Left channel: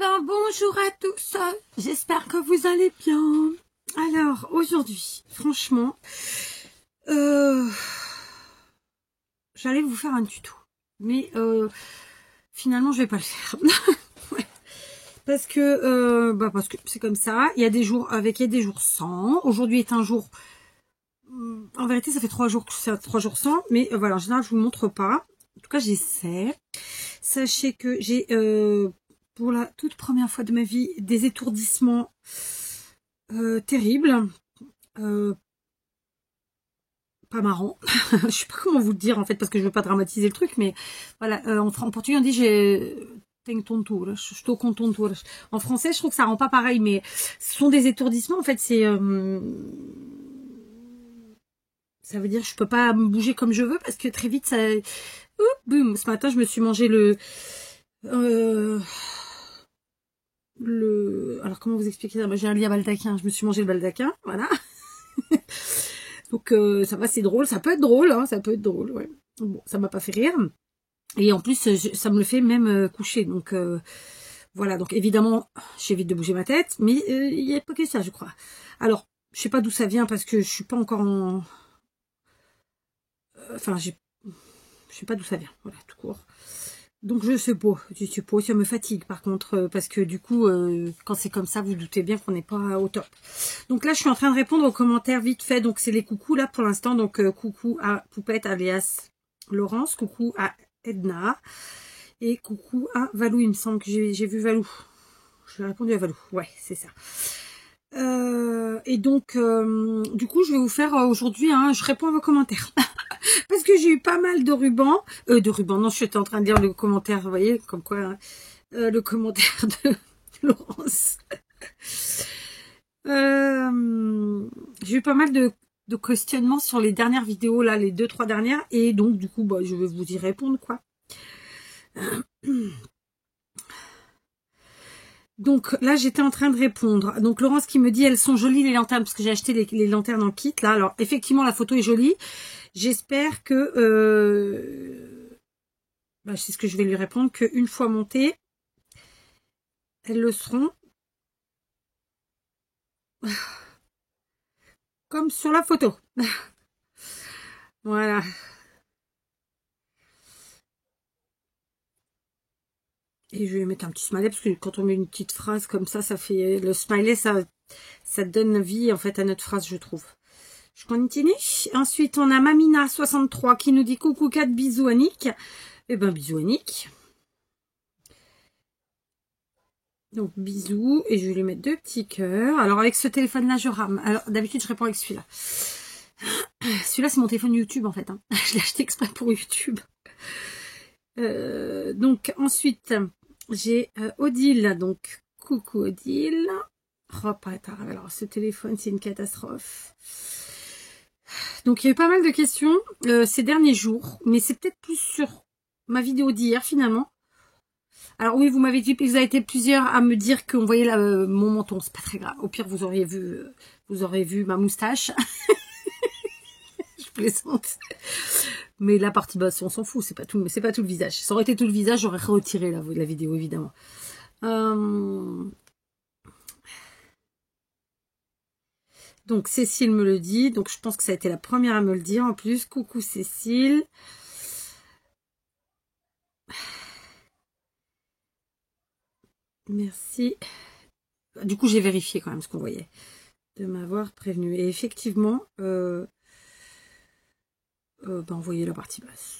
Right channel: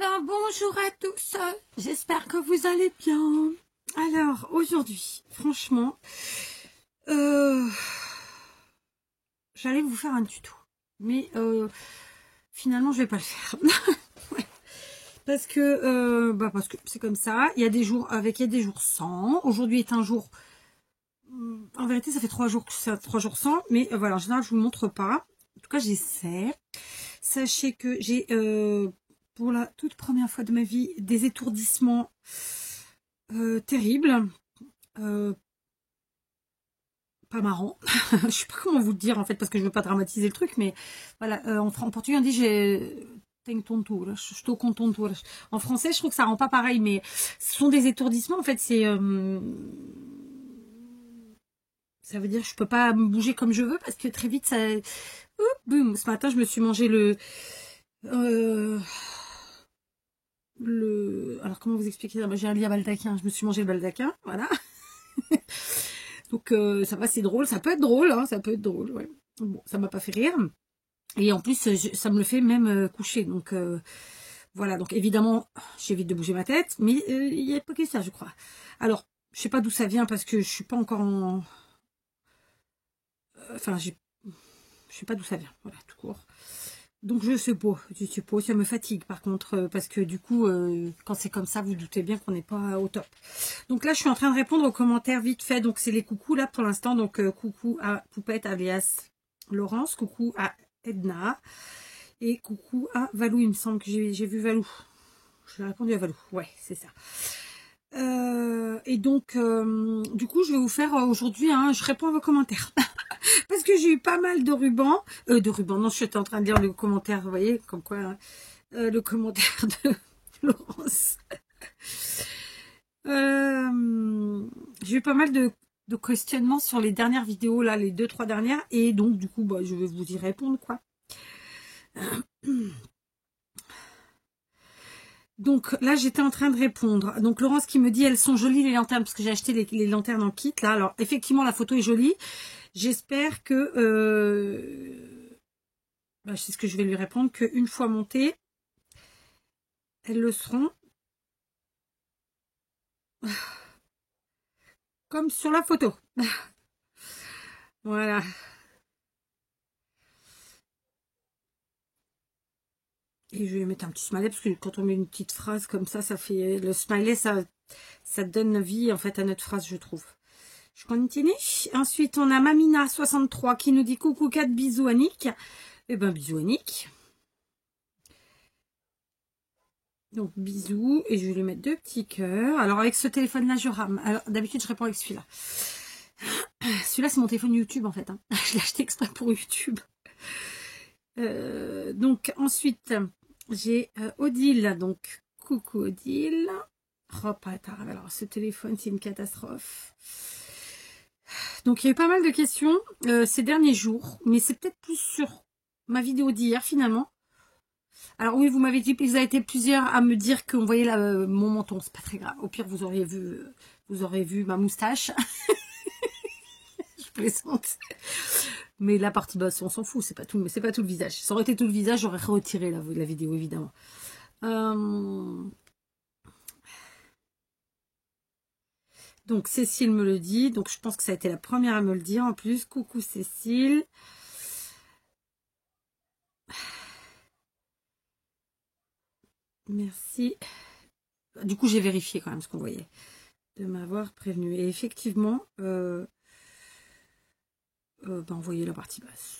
ben bonjour à tous, j'espère que vous allez bien. Alors aujourd'hui, franchement, j'allais vous faire un tuto, mais finalement je vais pas le faire. Ouais. Parce que c'est comme ça, il y a des jours avec et des jours sans. Aujourd'hui est un jour, en vérité ça fait 3 jours que c'est 3 jours sans, mais voilà, en général je vous montre pas. En tout cas j'essaie. Sachez que j'ai pour la toute première fois de ma vie des étourdissements terribles, pas marrant. Je sais pas comment vous le dire en fait parce que je veux pas dramatiser le truc, mais voilà, en portugais on dit j'ai tontura, estou com tonturas. En français je trouve que ça rend pas pareil, mais ce sont des étourdissements en fait, c'est ça veut dire que je peux pas me bouger comme je veux parce que très vite ça boum, ce matin je me suis mangé alors comment vous expliquer ça? J'ai un lit à baldaquin, je me suis mangé le baldaquin, voilà. Donc ça va, c'est drôle, ça peut être drôle, hein, ça peut être drôle, ouais. Bon, ça m'a pas fait rire. Et en plus, ça me le fait même coucher, donc voilà, donc évidemment, j'évite de bouger ma tête, mais il y a pas que ça, je crois. Alors, je sais pas d'où ça vient parce que je suis pas encore en... Enfin, je sais pas d'où ça vient, voilà, tout court. Donc je suppose, ça me fatigue par contre, parce que du coup, quand c'est comme ça, vous doutez bien qu'on n'est pas au top. Donc là, je suis en train de répondre aux commentaires vite fait, donc c'est les coucous là pour l'instant, donc coucou à Poupette alias Laurence, coucou à Edna, et coucou à Valou, il me semble que j'ai vu Valou. J'ai répondu à Valou, ouais, c'est ça. Et donc, du coup, je vais vous faire aujourd'hui, je réponds à vos commentaires. Parce que j'ai eu pas mal de rubans. Non, je suis en train de lire le commentaire, vous voyez, comme quoi, le commentaire de Laurence. J'ai eu pas mal de questionnements sur les dernières vidéos, là, les 2-3 dernières. Et donc, du coup, je vais vous y répondre, quoi. Donc là, j'étais en train de répondre. Donc Laurence qui me dit, elles sont jolies les lanternes, parce que j'ai acheté les lanternes en kit, là. Alors, effectivement, la photo est jolie. J'espère que... c'est ce que je vais lui répondre, qu'une fois montées, elles le seront. Comme sur la photo. Voilà. Et je vais mettre un petit smiley, parce que quand on met une petite phrase comme ça, ça fait... Le smiley, ça donne vie, en fait, à notre phrase, je trouve. Je continue. Ensuite, on a Mamina63 qui nous dit coucou 4 bisous Annick. Eh ben, bisous Annick. Donc, bisous. Et je vais lui mettre 2 petits cœurs. Alors, avec ce téléphone-là, je rame. Alors, d'habitude, je réponds avec celui-là. Celui-là, c'est mon téléphone YouTube, en fait. Je l'ai acheté exprès pour YouTube. Donc, ensuite, j'ai Odile. Donc, coucou Odile. Oh, attends, alors, ce téléphone, c'est une catastrophe. Donc, il y a eu pas mal de questions ces derniers jours. Mais c'est peut-être plus sur ma vidéo d'hier, finalement. Alors oui, vous m'avez dit, vous avez été plusieurs à me dire qu'on voyait mon menton. C'est pas très grave. Au pire, vous auriez vu ma moustache. Je plaisante. Mais la partie basse, on s'en fout. C'est pas tout le visage. Ça aurait été tout le visage, j'aurais retiré la vidéo, évidemment. Donc Cécile me le dit. Donc je pense que ça a été la première à me le dire. En plus, coucou Cécile. Merci. Du coup, j'ai vérifié quand même ce qu'on voyait. De m'avoir prévenu. Et effectivement, on voyait la partie basse.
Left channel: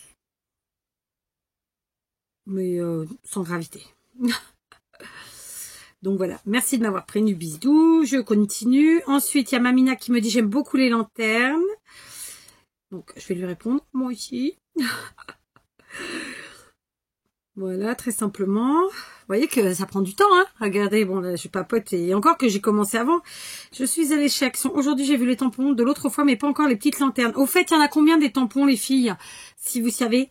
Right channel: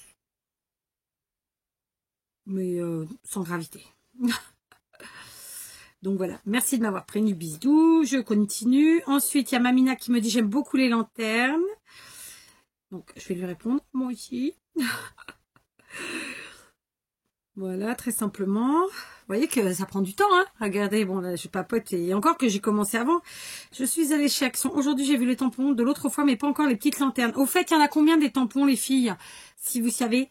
Mais sans gravité. Donc voilà, merci de m'avoir prévenu, bisous. Je continue. Ensuite, il y a Mamina qui me dit j'aime beaucoup les lanternes. Donc, je vais lui répondre, moi aussi. Voilà, très simplement. Vous voyez que ça prend du temps, hein. Regardez, bon là, je papote et encore que j'ai commencé avant. Je suis allée chez Action. Aujourd'hui, j'ai vu les tampons de l'autre fois, mais pas encore les petites lanternes. Au fait, il y en a combien des tampons, les filles? Si vous savez.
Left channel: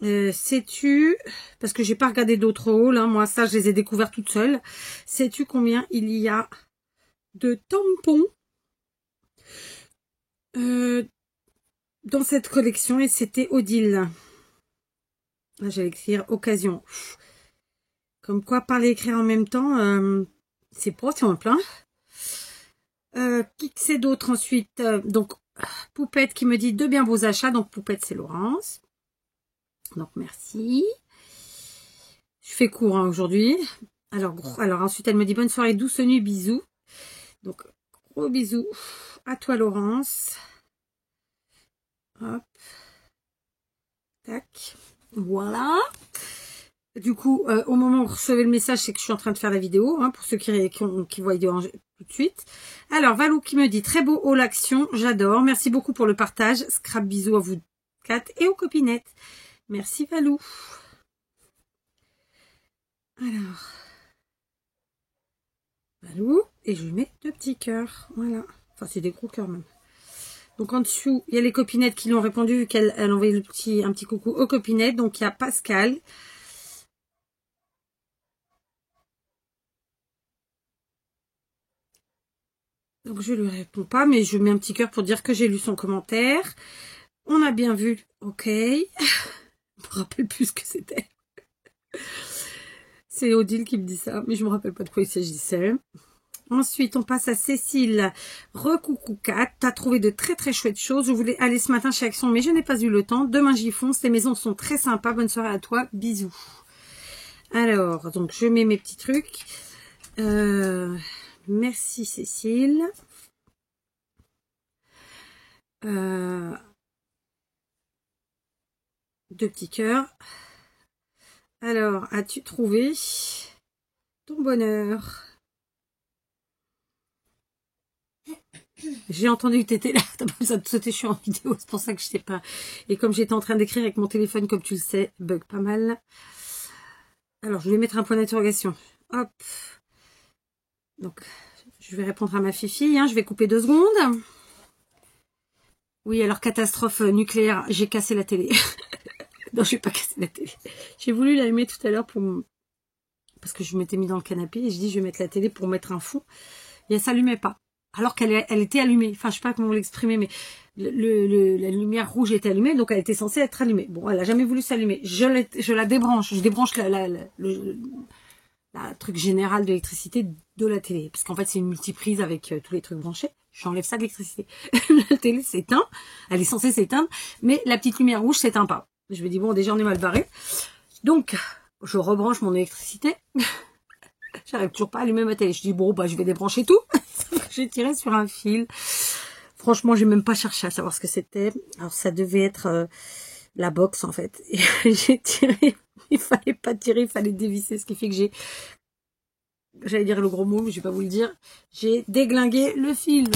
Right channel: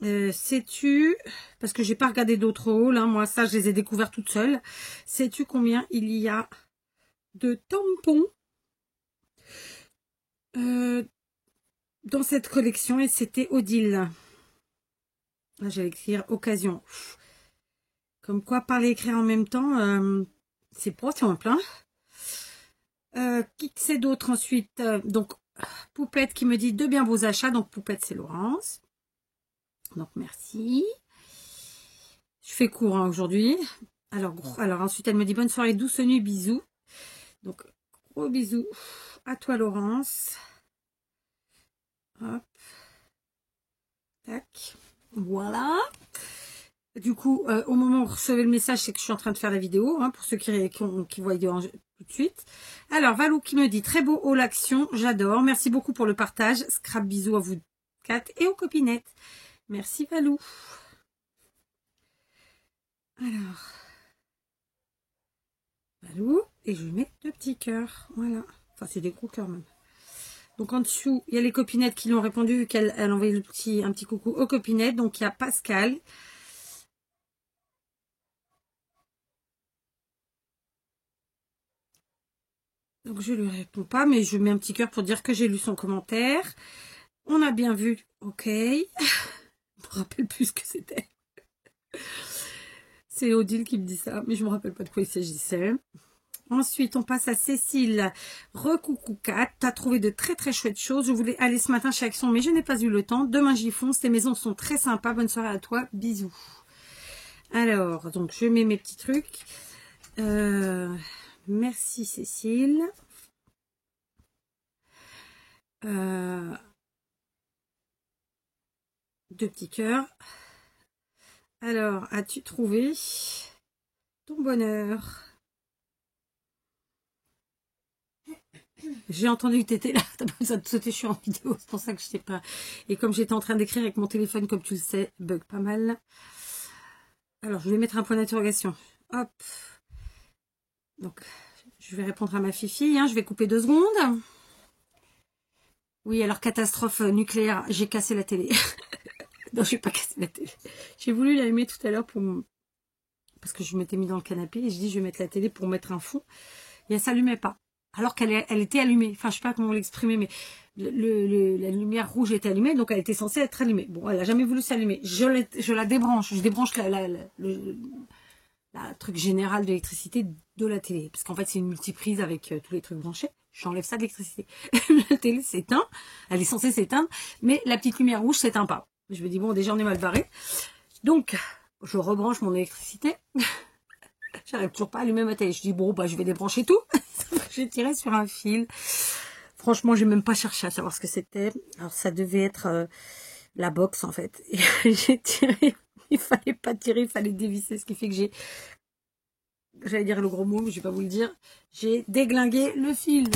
Sais-tu, parce que j'ai pas regardé d'autres hauls, hein, moi ça je les ai découverts toutes seules. Sais-tu combien il y a de tampons dans cette collection? Et c'était Odile. J'allais écrire occasion. Comme quoi, parler et écrire en même temps, c'est pas simple, hein. Qui que c'est d'autre ensuite? Donc, Poupette qui me dit de bien beaux achats. Donc, Poupette, c'est Laurence. Donc, merci. Je fais court hein, aujourd'hui. Alors, ensuite, elle me dit bonne soirée, douce nuit, bisous. Donc, gros bisous à toi, Laurence. Hop. Tac. Voilà. Du coup, au moment où vous recevez le message, c'est que je suis en train de faire la vidéo, hein, pour ceux qui voient tout de suite. Alors, Valou qui me dit, très beau haul action, j'adore. Merci beaucoup pour le partage. Scrap bisous à vous 4 et aux copinettes. Merci Valou. Alors, Valou, et je lui mets 2 petits cœurs. Voilà. Enfin, c'est des gros cœurs même. Donc en dessous, il y a les copinettes qui lui ont répondu, qu'elle a envoyé un petit coucou aux copinettes. Donc il y a Pascal. Donc je lui réponds pas, mais je mets un petit cœur pour dire que j'ai lu son commentaire. On a bien vu, ok. Je me rappelle plus ce que c'était. C'est Odile qui me dit ça, mais je me rappelle pas de quoi il s'agissait. Ensuite, on passe à Cécile. Recoucou Kat, t'as trouvé de très très chouettes choses. Je voulais aller ce matin chez Action, mais je n'ai pas eu le temps. Demain j'y fonce. Tes maisons sont très sympas. Bonne soirée à toi. Bisous. Alors, donc je mets mes petits trucs. Merci Cécile. Deux petits cœurs. Alors, as-tu trouvé ton bonheur? J'ai entendu que t'étais là, t'as pas besoin de sauter, je suis en vidéo, c'est pour ça que je sais pas. Et comme j'étais en train d'écrire avec mon téléphone, comme tu le sais, bug pas mal. Alors, je vais mettre un point d'interrogation. Hop. Donc, je vais répondre à ma fifi, hein, je vais couper 2 secondes. Oui, alors catastrophe nucléaire, j'ai cassé la télé. Non, je vais pas casser la télé. J'ai voulu l'allumer tout à l'heure parce que je m'étais mis dans le canapé et je dis je vais mettre la télé pour mettre un fond. Et elle s'allumait pas. Alors qu'elle était allumée. Enfin, je sais pas comment l'exprimer, mais la lumière rouge était allumée, donc elle était censée être allumée. Bon, elle a jamais voulu s'allumer. Je la débranche. Je débranche le truc général de l'électricité de la télé. Parce qu'en fait, c'est une multiprise avec tous les trucs branchés. J'enlève ça de l'électricité. La télé s'éteint. Elle est censée s'éteindre, mais la petite lumière rouge s'éteint pas. Je me dis, bon, déjà, on est mal barré. Donc, je rebranche mon électricité. J'arrive toujours pas à allumer ma télé. Je dis, bon, bah, je vais débrancher tout. J'ai tiré sur un fil. Franchement, j'ai même pas cherché à savoir ce que c'était. Alors, ça devait être la box, en fait. Et j'ai tiré. Il fallait pas tirer, il fallait dévisser. Ce qui fait que j'allais dire le gros mot, mais je vais pas vous le dire. J'ai déglingué le fil.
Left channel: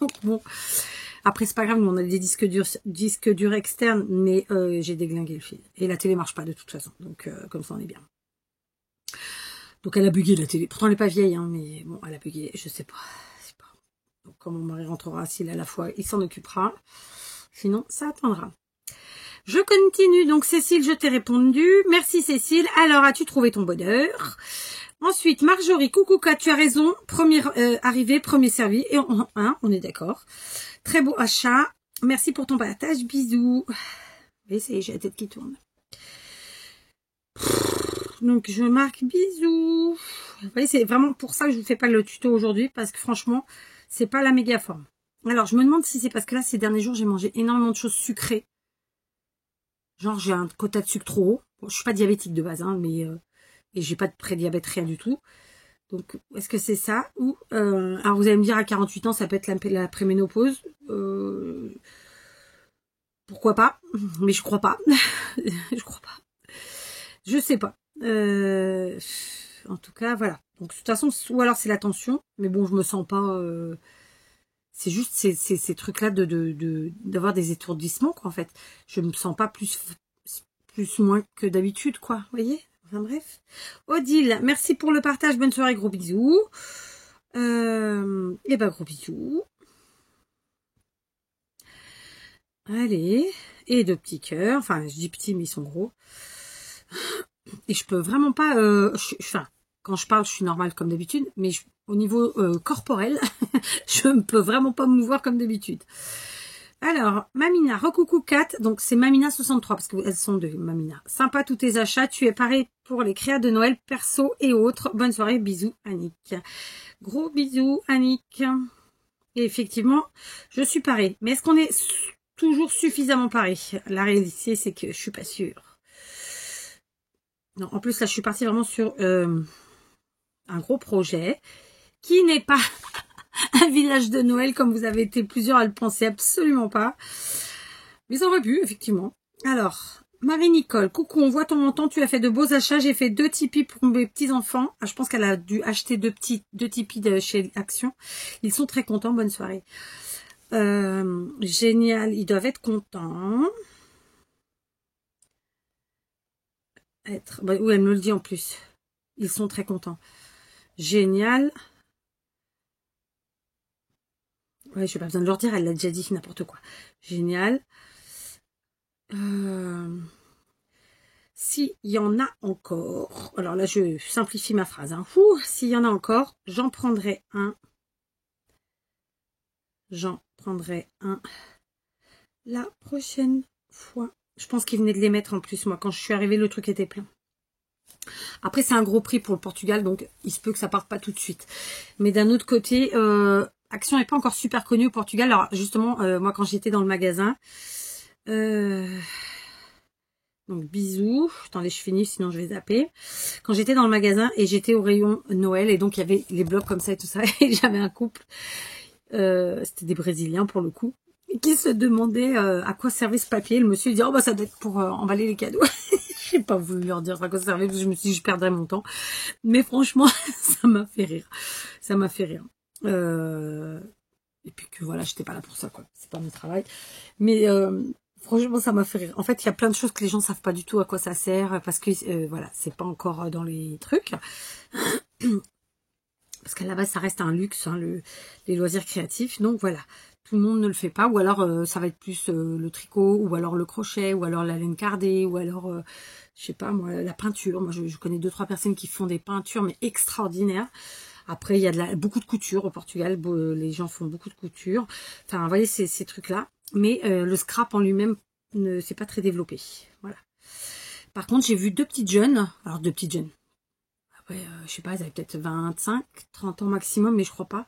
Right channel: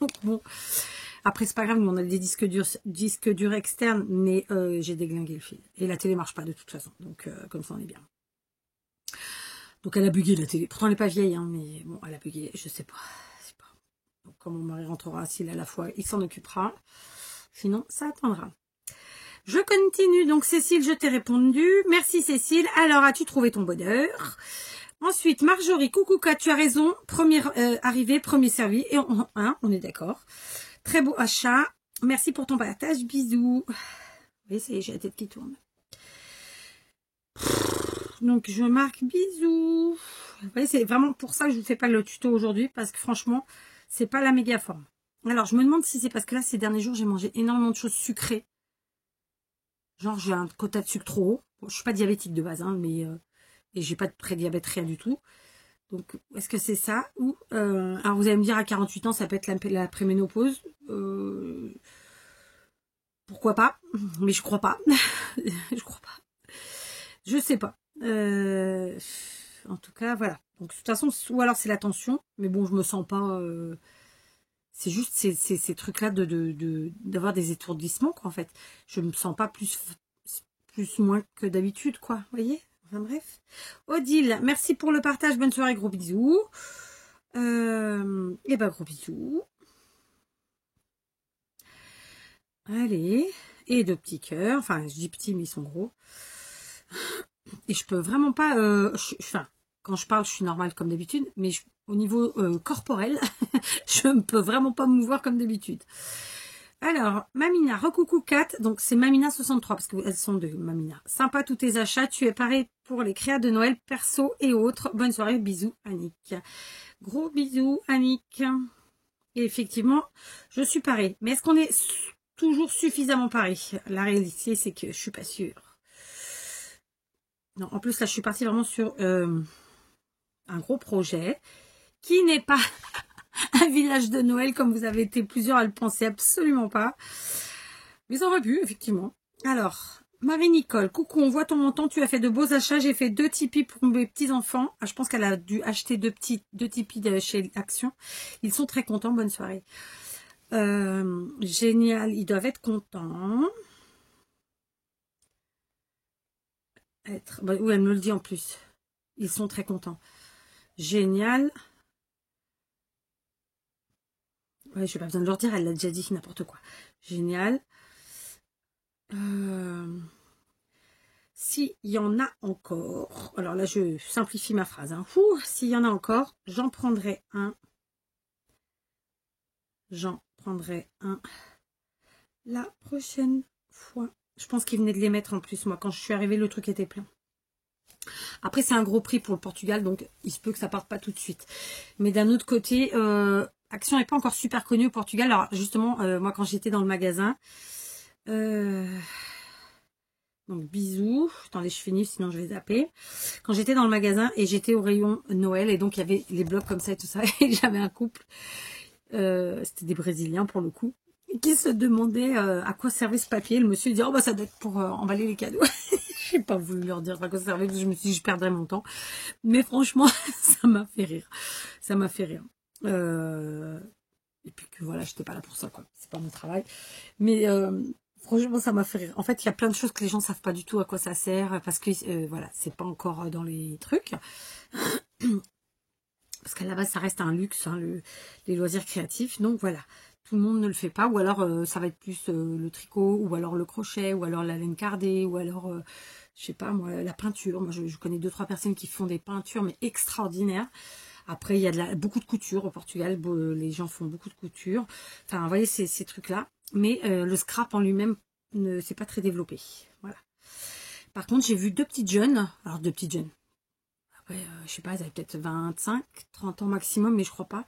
Donc, bon. Après, c'est pas grave, on a des disques durs externes, mais j'ai déglingué le fil. Et la télé marche pas de toute façon. Donc, comme ça, on est bien. Donc, elle a bugué la télé. Pourtant, elle n'est pas vieille, hein, mais bon, elle a bugué. Je sais pas. Donc, quand mon mari rentrera, s'il a la foi, il s'en occupera. Sinon, ça attendra. Je continue. Donc, Cécile, je t'ai répondu. Merci, Cécile. Alors, as-tu trouvé ton bonheur? Ensuite, Marjorie, coucou, tu as raison. Première arrivée, premier servi. Et on est d'accord. Très beau achat. Merci pour ton partage. Bisous. Oui, c'est j'ai la tête qui tourne. Donc, je marque bisous. Vous voyez, c'est vraiment pour ça que je ne vous fais pas le tuto aujourd'hui. Parce que franchement, c'est pas la méga forme. Alors, je me demande si c'est parce que là, ces derniers jours, j'ai mangé énormément de choses sucrées. Genre, j'ai un quota de sucre trop haut. Bon, je suis pas diabétique de base, hein, mais... et j'ai pas de prédiabète, rien du tout. Donc, est-ce que c'est ça? Ou, alors, vous allez me dire, à 48 ans, ça peut être la préménopause. Pourquoi pas? Mais je crois pas. Je crois pas. Je sais pas. En tout cas, voilà. Donc, de toute façon, ou alors c'est la tension. Mais bon, je me sens pas... c'est juste ces trucs-là d'avoir des étourdissements, quoi, en fait. Je me sens pas plus moins que d'habitude, quoi. Vous voyez? Enfin, bref. Odile, merci pour le partage. Bonne soirée, gros bisous. Et ben, gros bisous. Allez. Et 2 petits cœurs. Enfin, je dis petits, mais ils sont gros. Et je peux vraiment pas... enfin, quand je parle, je suis normale comme d'habitude. Mais au niveau corporel, je ne peux vraiment pas me mouvoir comme d'habitude. Alors, Mamina, recoucou 4, donc c'est Mamina 63, parce qu'elles sont deux, Mamina. Sympa tous tes achats, tu es paré pour les créas de Noël, perso et autres. Bonne soirée, bisous Annick. Gros bisous Annick. Et effectivement, je suis parée. Mais est-ce qu'on est toujours suffisamment paré? La réalité, c'est que je suis pas sûre. Non, en plus, là, je suis partie vraiment sur un gros projet qui n'est pas un village de Noël comme vous avez été plusieurs à le penser, absolument pas. Mais ça aurait pu, effectivement. Alors, Marie-Nicole, coucou, on voit ton montant, tu as fait de beaux achats, j'ai fait 2 Tipeee pour mes petits-enfants. Ah, je pense qu'elle a dû acheter 2 Tipeee de chez Action. Ils sont très contents, bonne soirée. Génial, ils doivent être contents. Bah, oui, elle me le dit en plus. Ils sont très contents. Génial. Ouais, je n'ai pas besoin de leur dire, elle l'a déjà dit, n'importe quoi. Génial. S'il y en a encore, alors là je simplifie ma phrase, hein. S'il y en a encore, j'en prendrai un. J'en prendrai un la prochaine fois. Je pense qu'ils venaient de les mettre en plus, moi, quand je suis arrivée, le truc était plein. Après, c'est un gros prix pour le Portugal, donc il se peut que ça parte pas tout de suite. Mais d'un autre côté, Action n'est pas encore super connue au Portugal. Alors justement, moi quand j'étais dans le magasin, donc bisous, attendez je finis sinon je vais zapper. Quand j'étais dans le magasin et j'étais au rayon Noël et donc il y avait les blocs comme ça et tout ça, et j'avais un couple, c'était des Brésiliens pour le coup, qui se demandaient à quoi servait ce papier. Le monsieur dit oh bah ça doit être pour emballer les cadeaux. J'ai pas voulu leur dire à quoi ça servait parce que je me suis dit je perdrais mon temps. Mais franchement, ça m'a fait rire. Ça m'a fait rire. Et puis que voilà, j'étais pas là pour ça, quoi. C'est pas mon travail. Mais franchement, ça m'a fait rire. En fait, il y a plein de choses que les gens savent pas du tout à quoi ça sert. Parce que voilà, c'est pas encore dans les trucs. Parce qu'à la base, ça reste un luxe, hein, les loisirs créatifs. Donc voilà, tout le monde ne le fait pas. Ou alors, ça va être plus le tricot, ou alors le crochet, ou alors la laine cardée, ou alors, je sais pas moi, la peinture. Moi, je connais 2-3 personnes qui font des peintures, mais extraordinaires. Après, il y a beaucoup de couture au Portugal. Les gens font beaucoup de couture. Enfin, vous voyez, ces trucs-là. Mais le scrap en lui-même, c'est pas très développé. Voilà. Par contre, j'ai vu 2 petites jeunes. Alors, 2 petites jeunes. Après, je sais pas, elles avaient peut-être 25, 30 ans maximum, mais je crois pas.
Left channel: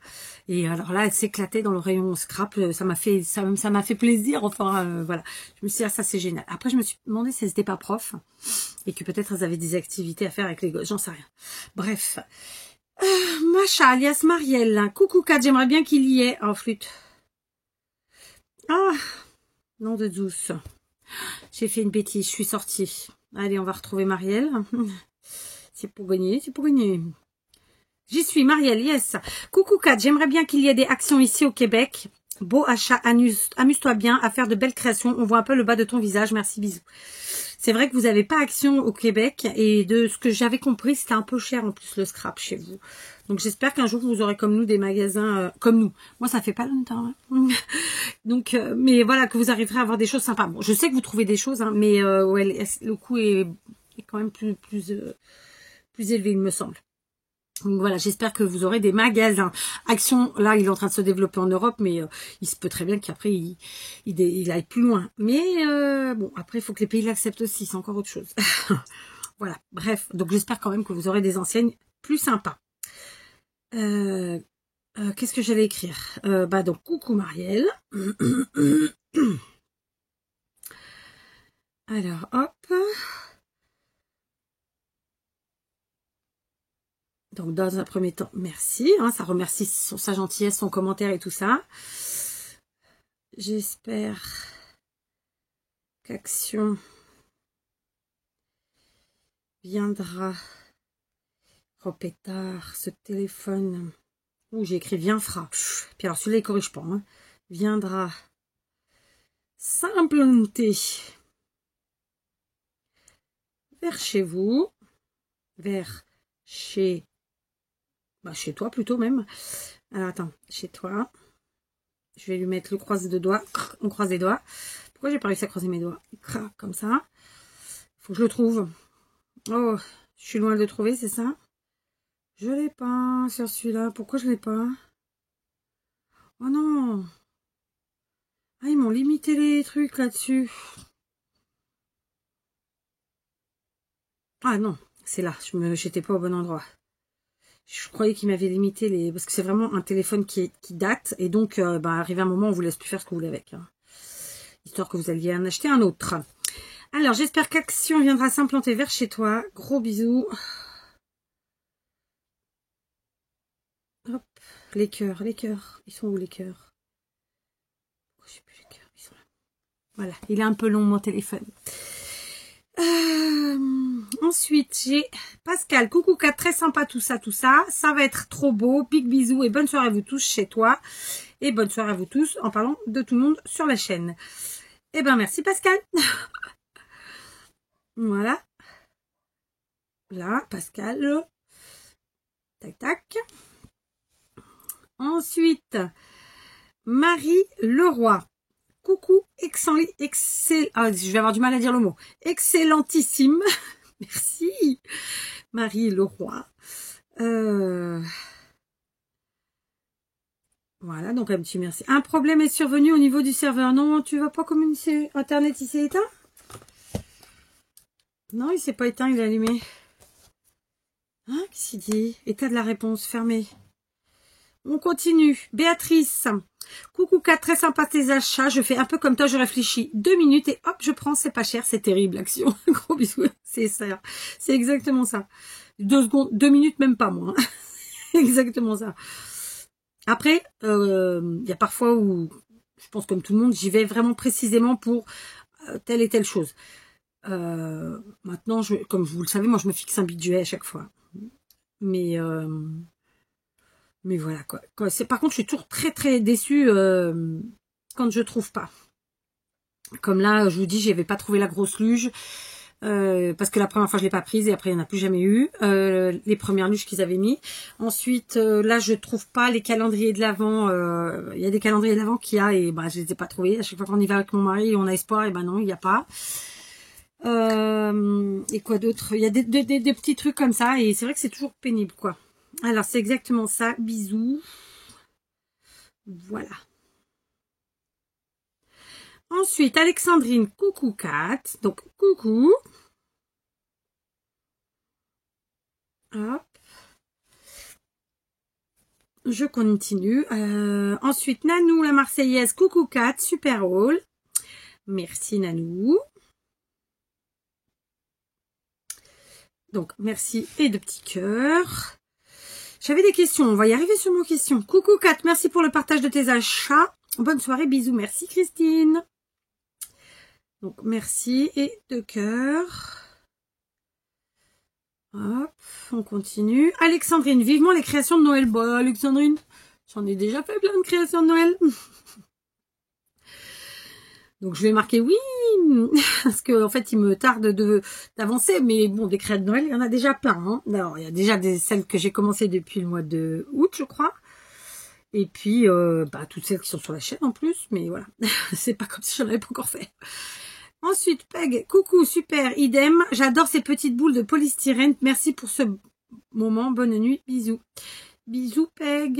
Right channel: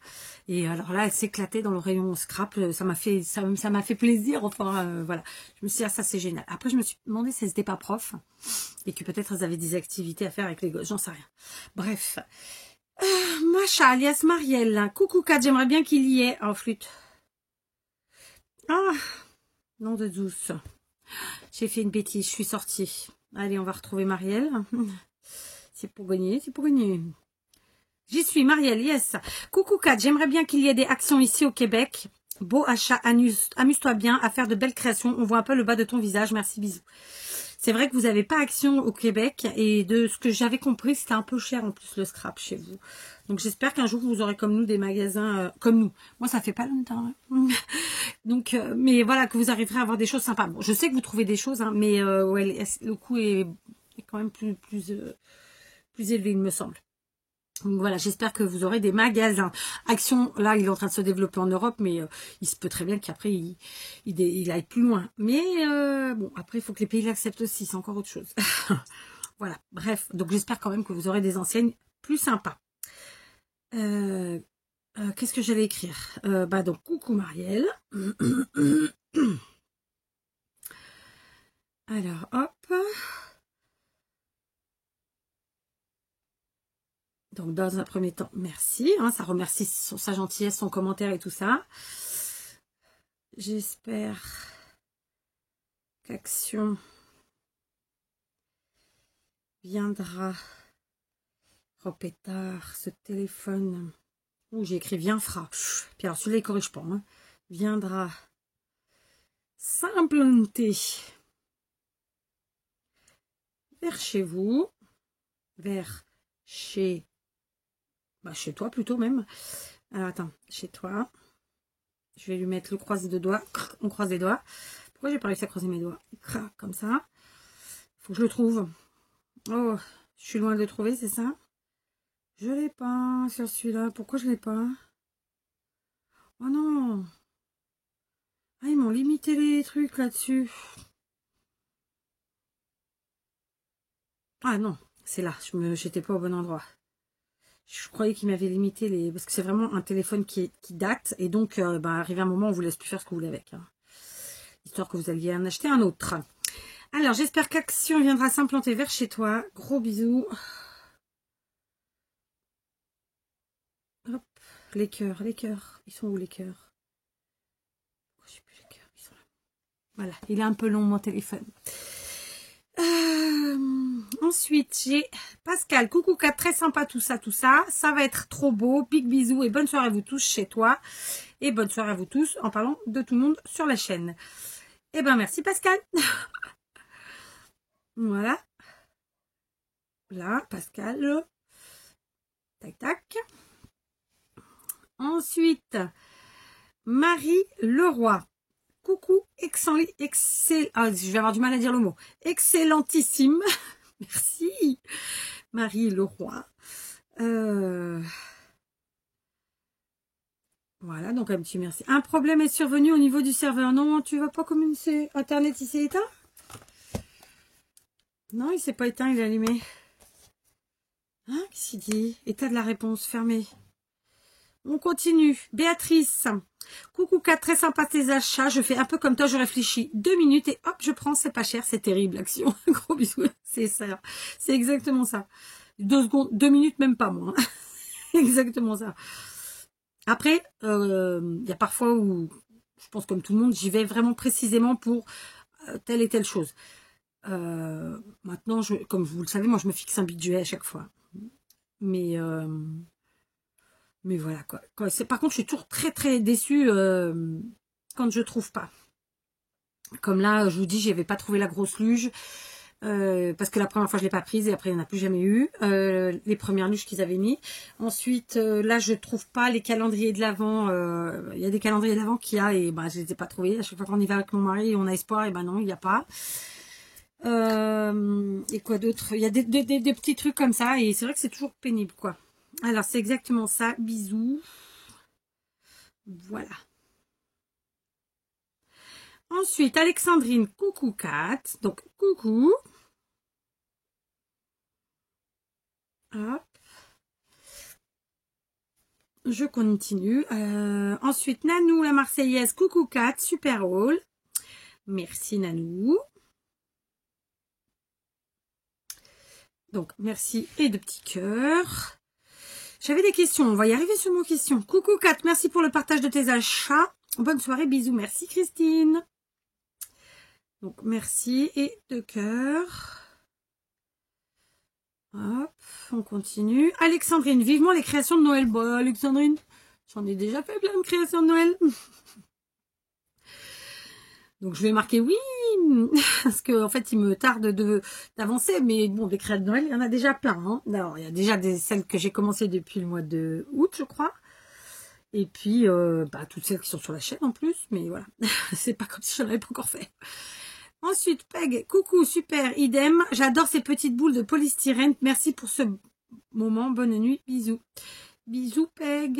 Et alors là, elles s'éclataient dans le rayon scrap. Ça m'a fait plaisir. Enfin, voilà. Je me suis dit, ah, ça c'est génial. Après, je me suis demandé si elles n'étaient pas profs. Et que peut-être elles avaient des activités à faire avec les gosses. J'en sais rien. Bref. Macha, alias Marielle. Coucou Kat, j'aimerais bien qu'il y ait en flûte. Ah, nom de douce. J'ai fait une bêtise, je suis sortie. Allez, on va retrouver Marielle. C'est pour gagner, c'est pour gagner. J'y suis, Marielle, yes. Coucou Kat, j'aimerais bien qu'il y ait des actions ici au Québec. Beau achat, amuse-toi bien à faire de belles créations. On voit un peu le bas de ton visage, merci, bisous. C'est vrai que vous n'avez pas Action au Québec et de ce que j'avais compris, c'était un peu cher en plus le scrap chez vous. Donc j'espère qu'un jour vous aurez comme nous des magasins comme nous. Moi ça fait pas longtemps. Hein. Donc mais voilà que vous arriverez à avoir des choses sympas. Bon, je sais que vous trouvez des choses, hein, mais ouais, le coût est quand même plus élevé il me semble. Donc voilà, j'espère que vous aurez des magasins. Action, là, il est en train de se développer en Europe, mais il se peut très bien qu'après, il aille plus loin. Mais bon, après, il faut que les pays l'acceptent aussi, c'est encore autre chose. Voilà, bref, donc j'espère quand même que vous aurez des enseignes plus sympas. Qu'est-ce que j'allais écrire bah donc, coucou Marielle. Alors, hop. Donc, dans un premier temps, merci. Hein, ça remercie sa gentillesse, son commentaire et tout ça. J'espère qu'Action viendra. Oh pétard, ce téléphone. Ouh, j'ai écrit viendra. Puis alors, celui-là, il corrige pas. Hein. Viendra s'implanter vers chez vous. Vers chez... Bah, chez toi plutôt même. Alors, attends, chez toi. Je vais lui mettre le croise de doigts. On croise les doigts. Pourquoi j'ai pas réussi à croiser mes doigts? Comme ça. Faut que je le trouve. Oh, je suis loin de le trouver, c'est ça? Je l'ai pas sur celui-là. Pourquoi je l'ai pas? Oh non! Ah, ils m'ont limité les trucs là-dessus. Ah non, c'est là, j'étais pas au bon endroit. Je croyais qu'ils m'avaient limité les... Parce que c'est vraiment un téléphone qui date. Et donc, arrivé un moment, on vous laisse plus faire ce que vous voulez avec. Hein. Histoire que vous alliez en acheter un autre. Alors, j'espère qu'Action viendra s'implanter vers chez toi. Gros bisous. Hop, les cœurs. Ils sont où les cœurs? Je sais plus les cœurs, ils sont là. Voilà, il est un peu long mon téléphone. Ensuite, j'ai Pascal, coucou 4, très sympa tout ça, ça va être trop beau, big bisous et bonne soirée à vous tous chez toi, et bonne soirée à vous tous en parlant de tout le monde sur la chaîne. Eh ben merci Pascal. Voilà. Là, Pascal. Tac, tac. Ensuite, Marie Leroy. Coucou, excellent, je vais avoir du mal à dire le mot. Excellentissime. Merci. Marie Leroy. Voilà, donc un petit merci. Un problème est survenu au niveau du serveur. Non, tu vas pas communiquer. Internet, il s'est éteint? Non, il s'est pas éteint, il est allumé. Hein, qu'est-ce qu'il dit? État de la réponse, fermé. On continue. Béatrice. Coucou 4, très sympa tes achats. Je fais un peu comme toi, je réfléchis 2 minutes et hop, je prends, c'est pas cher, c'est terrible, Action. Gros bisous, c'est ça. C'est exactement ça. 2 secondes, 2 minutes, même pas moi. Exactement ça. Après, il y a parfois où, je pense comme tout le monde, j'y vais vraiment précisément pour telle et telle chose. Maintenant, comme vous le savez, moi je me fixe un budget à chaque fois. Mais voilà quoi. Par contre, je suis toujours très très déçue quand je trouve pas. Comme là, je vous dis, j'avais pas trouvé la grosse luge. Parce que la première fois je l'ai pas prise et après il n'y en a plus jamais eu les premières luges qu'ils avaient mis. Ensuite là je trouve pas les calendriers de l'Avent. Il y a des calendriers de l'Avent qu'il y a et je les ai pas trouvés. À chaque fois qu'on y va avec mon mari on a espoir et non il n'y a pas. Et quoi d'autre? Il y a des petits trucs comme ça et c'est vrai que c'est toujours pénible quoi. Alors c'est exactement ça. Bisous. Voilà. Ensuite Alexandrine, coucou Kat. Donc coucou. Hop. Je continue. Ensuite, Nanou, la Marseillaise. Coucou Kat, super haul. Merci Nanou. Donc, merci et de petits cœurs. J'avais des questions. On va y arriver sur nos questions. Coucou Kat, merci pour le partage de tes achats. Bonne soirée, bisous. Merci Christine. Donc, merci et de cœurs. Hop, on continue. Alexandrine, vivement les créations de Noël. Bon, Alexandrine, j'en ai déjà fait plein de créations de Noël. Donc, je vais marquer oui, parce qu'en fait, il me tarde d'avancer. Mais bon, des créations de Noël, il y en a déjà plein. Hein. Alors, il y a déjà celles que j'ai commencées depuis le mois de août, je crois. Et puis, toutes celles qui sont sur la chaîne en plus. Mais voilà, c'est pas comme si j'en avais pas encore fait. Ensuite, Peg, coucou, super, idem. J'adore ces petites boules de polystyrène. Merci pour ce moment. Bonne nuit, bisous. Bisous, Peg.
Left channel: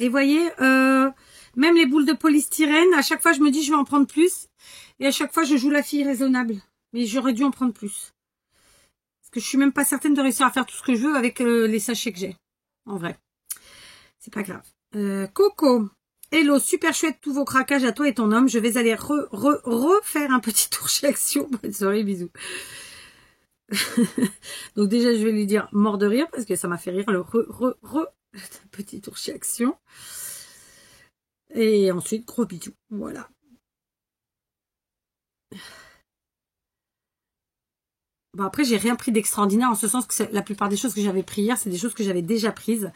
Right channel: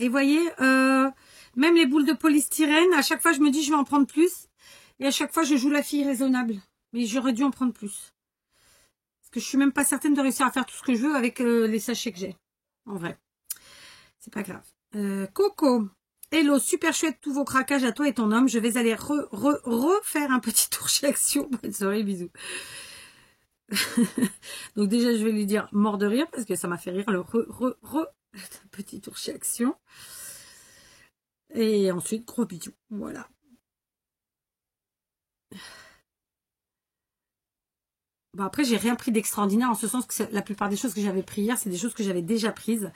Et voyez, même les boules de polystyrène, à chaque fois, je me dis, je vais en prendre plus. Et à chaque fois, je joue la fille raisonnable. Mais j'aurais dû en prendre plus. Parce que je suis même pas certaine de réussir à faire tout ce que je veux avec les sachets que j'ai. En vrai. C'est pas grave. Coco. Hello, super chouette tous vos craquages à toi et ton homme. Je vais aller refaire un petit tour chez Action. Bonne soirée, bisous. Donc déjà, je vais lui dire mort de rire parce que ça m'a fait rire le petit tour chez Action. Et ensuite, gros bisous. Voilà. Bon, après, j'ai rien pris d'extraordinaire en ce sens que la plupart des choses que j'avais pris hier, c'est des choses que j'avais déjà prises,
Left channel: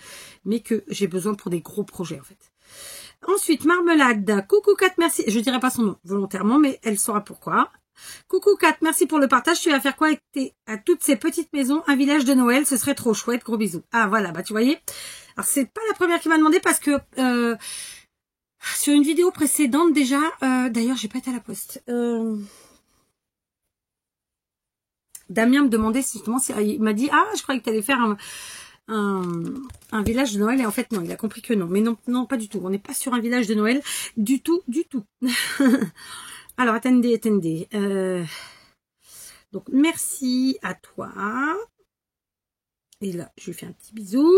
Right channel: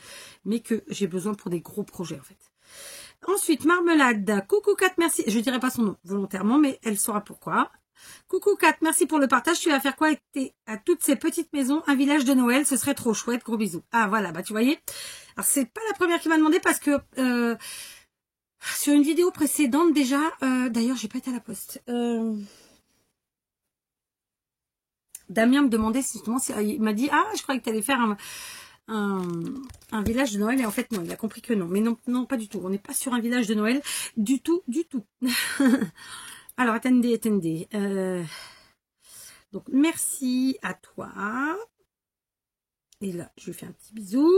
mais que j'ai besoin pour des gros projets en fait. Ensuite, Marmelade. Coucou Kat, merci. Je dirai pas son nom volontairement, mais elle saura pourquoi. Coucou Kat, merci pour le partage. Tu vas faire quoi à toutes ces petites maisons? Un village de Noël, ce serait trop chouette. Gros bisous. Ah voilà, tu voyez. Alors, c'est pas la première qui m'a demandé parce que sur une vidéo précédente déjà, d'ailleurs, j'ai pas été à la poste. Damien me demandait justement, il m'a dit, ah, je croyais que tu allais faire un village de Noël. Et en fait, non, il a compris que non. Mais non, non, pas du tout. On n'est pas sur un village de Noël. Du tout, du tout. Alors, attendez. Donc, merci à toi. Et là, je lui fais un petit bisou.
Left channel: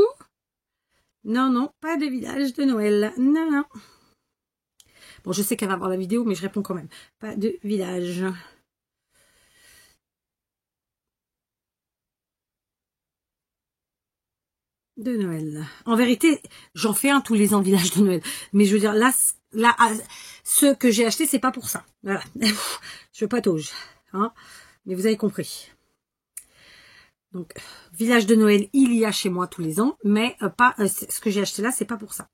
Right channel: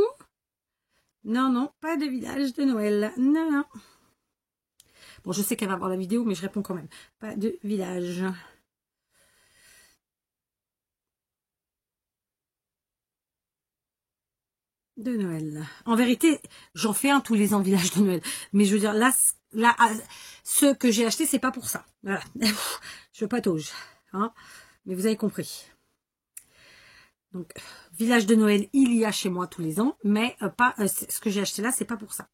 Non, non, pas de village de Noël. Non, non. Bon, je sais qu'elle va voir la vidéo, mais je réponds quand même. Pas de village de Noël. En vérité, j'en fais un tous les ans, village de Noël. Mais je veux dire, là ceux que j'ai achetés, c'est pas pour ça. Voilà. Je patauge. Hein, mais vous avez compris. Donc, village de Noël, il y a chez moi tous les ans, mais pas ce que j'ai acheté là, c'est pas pour ça.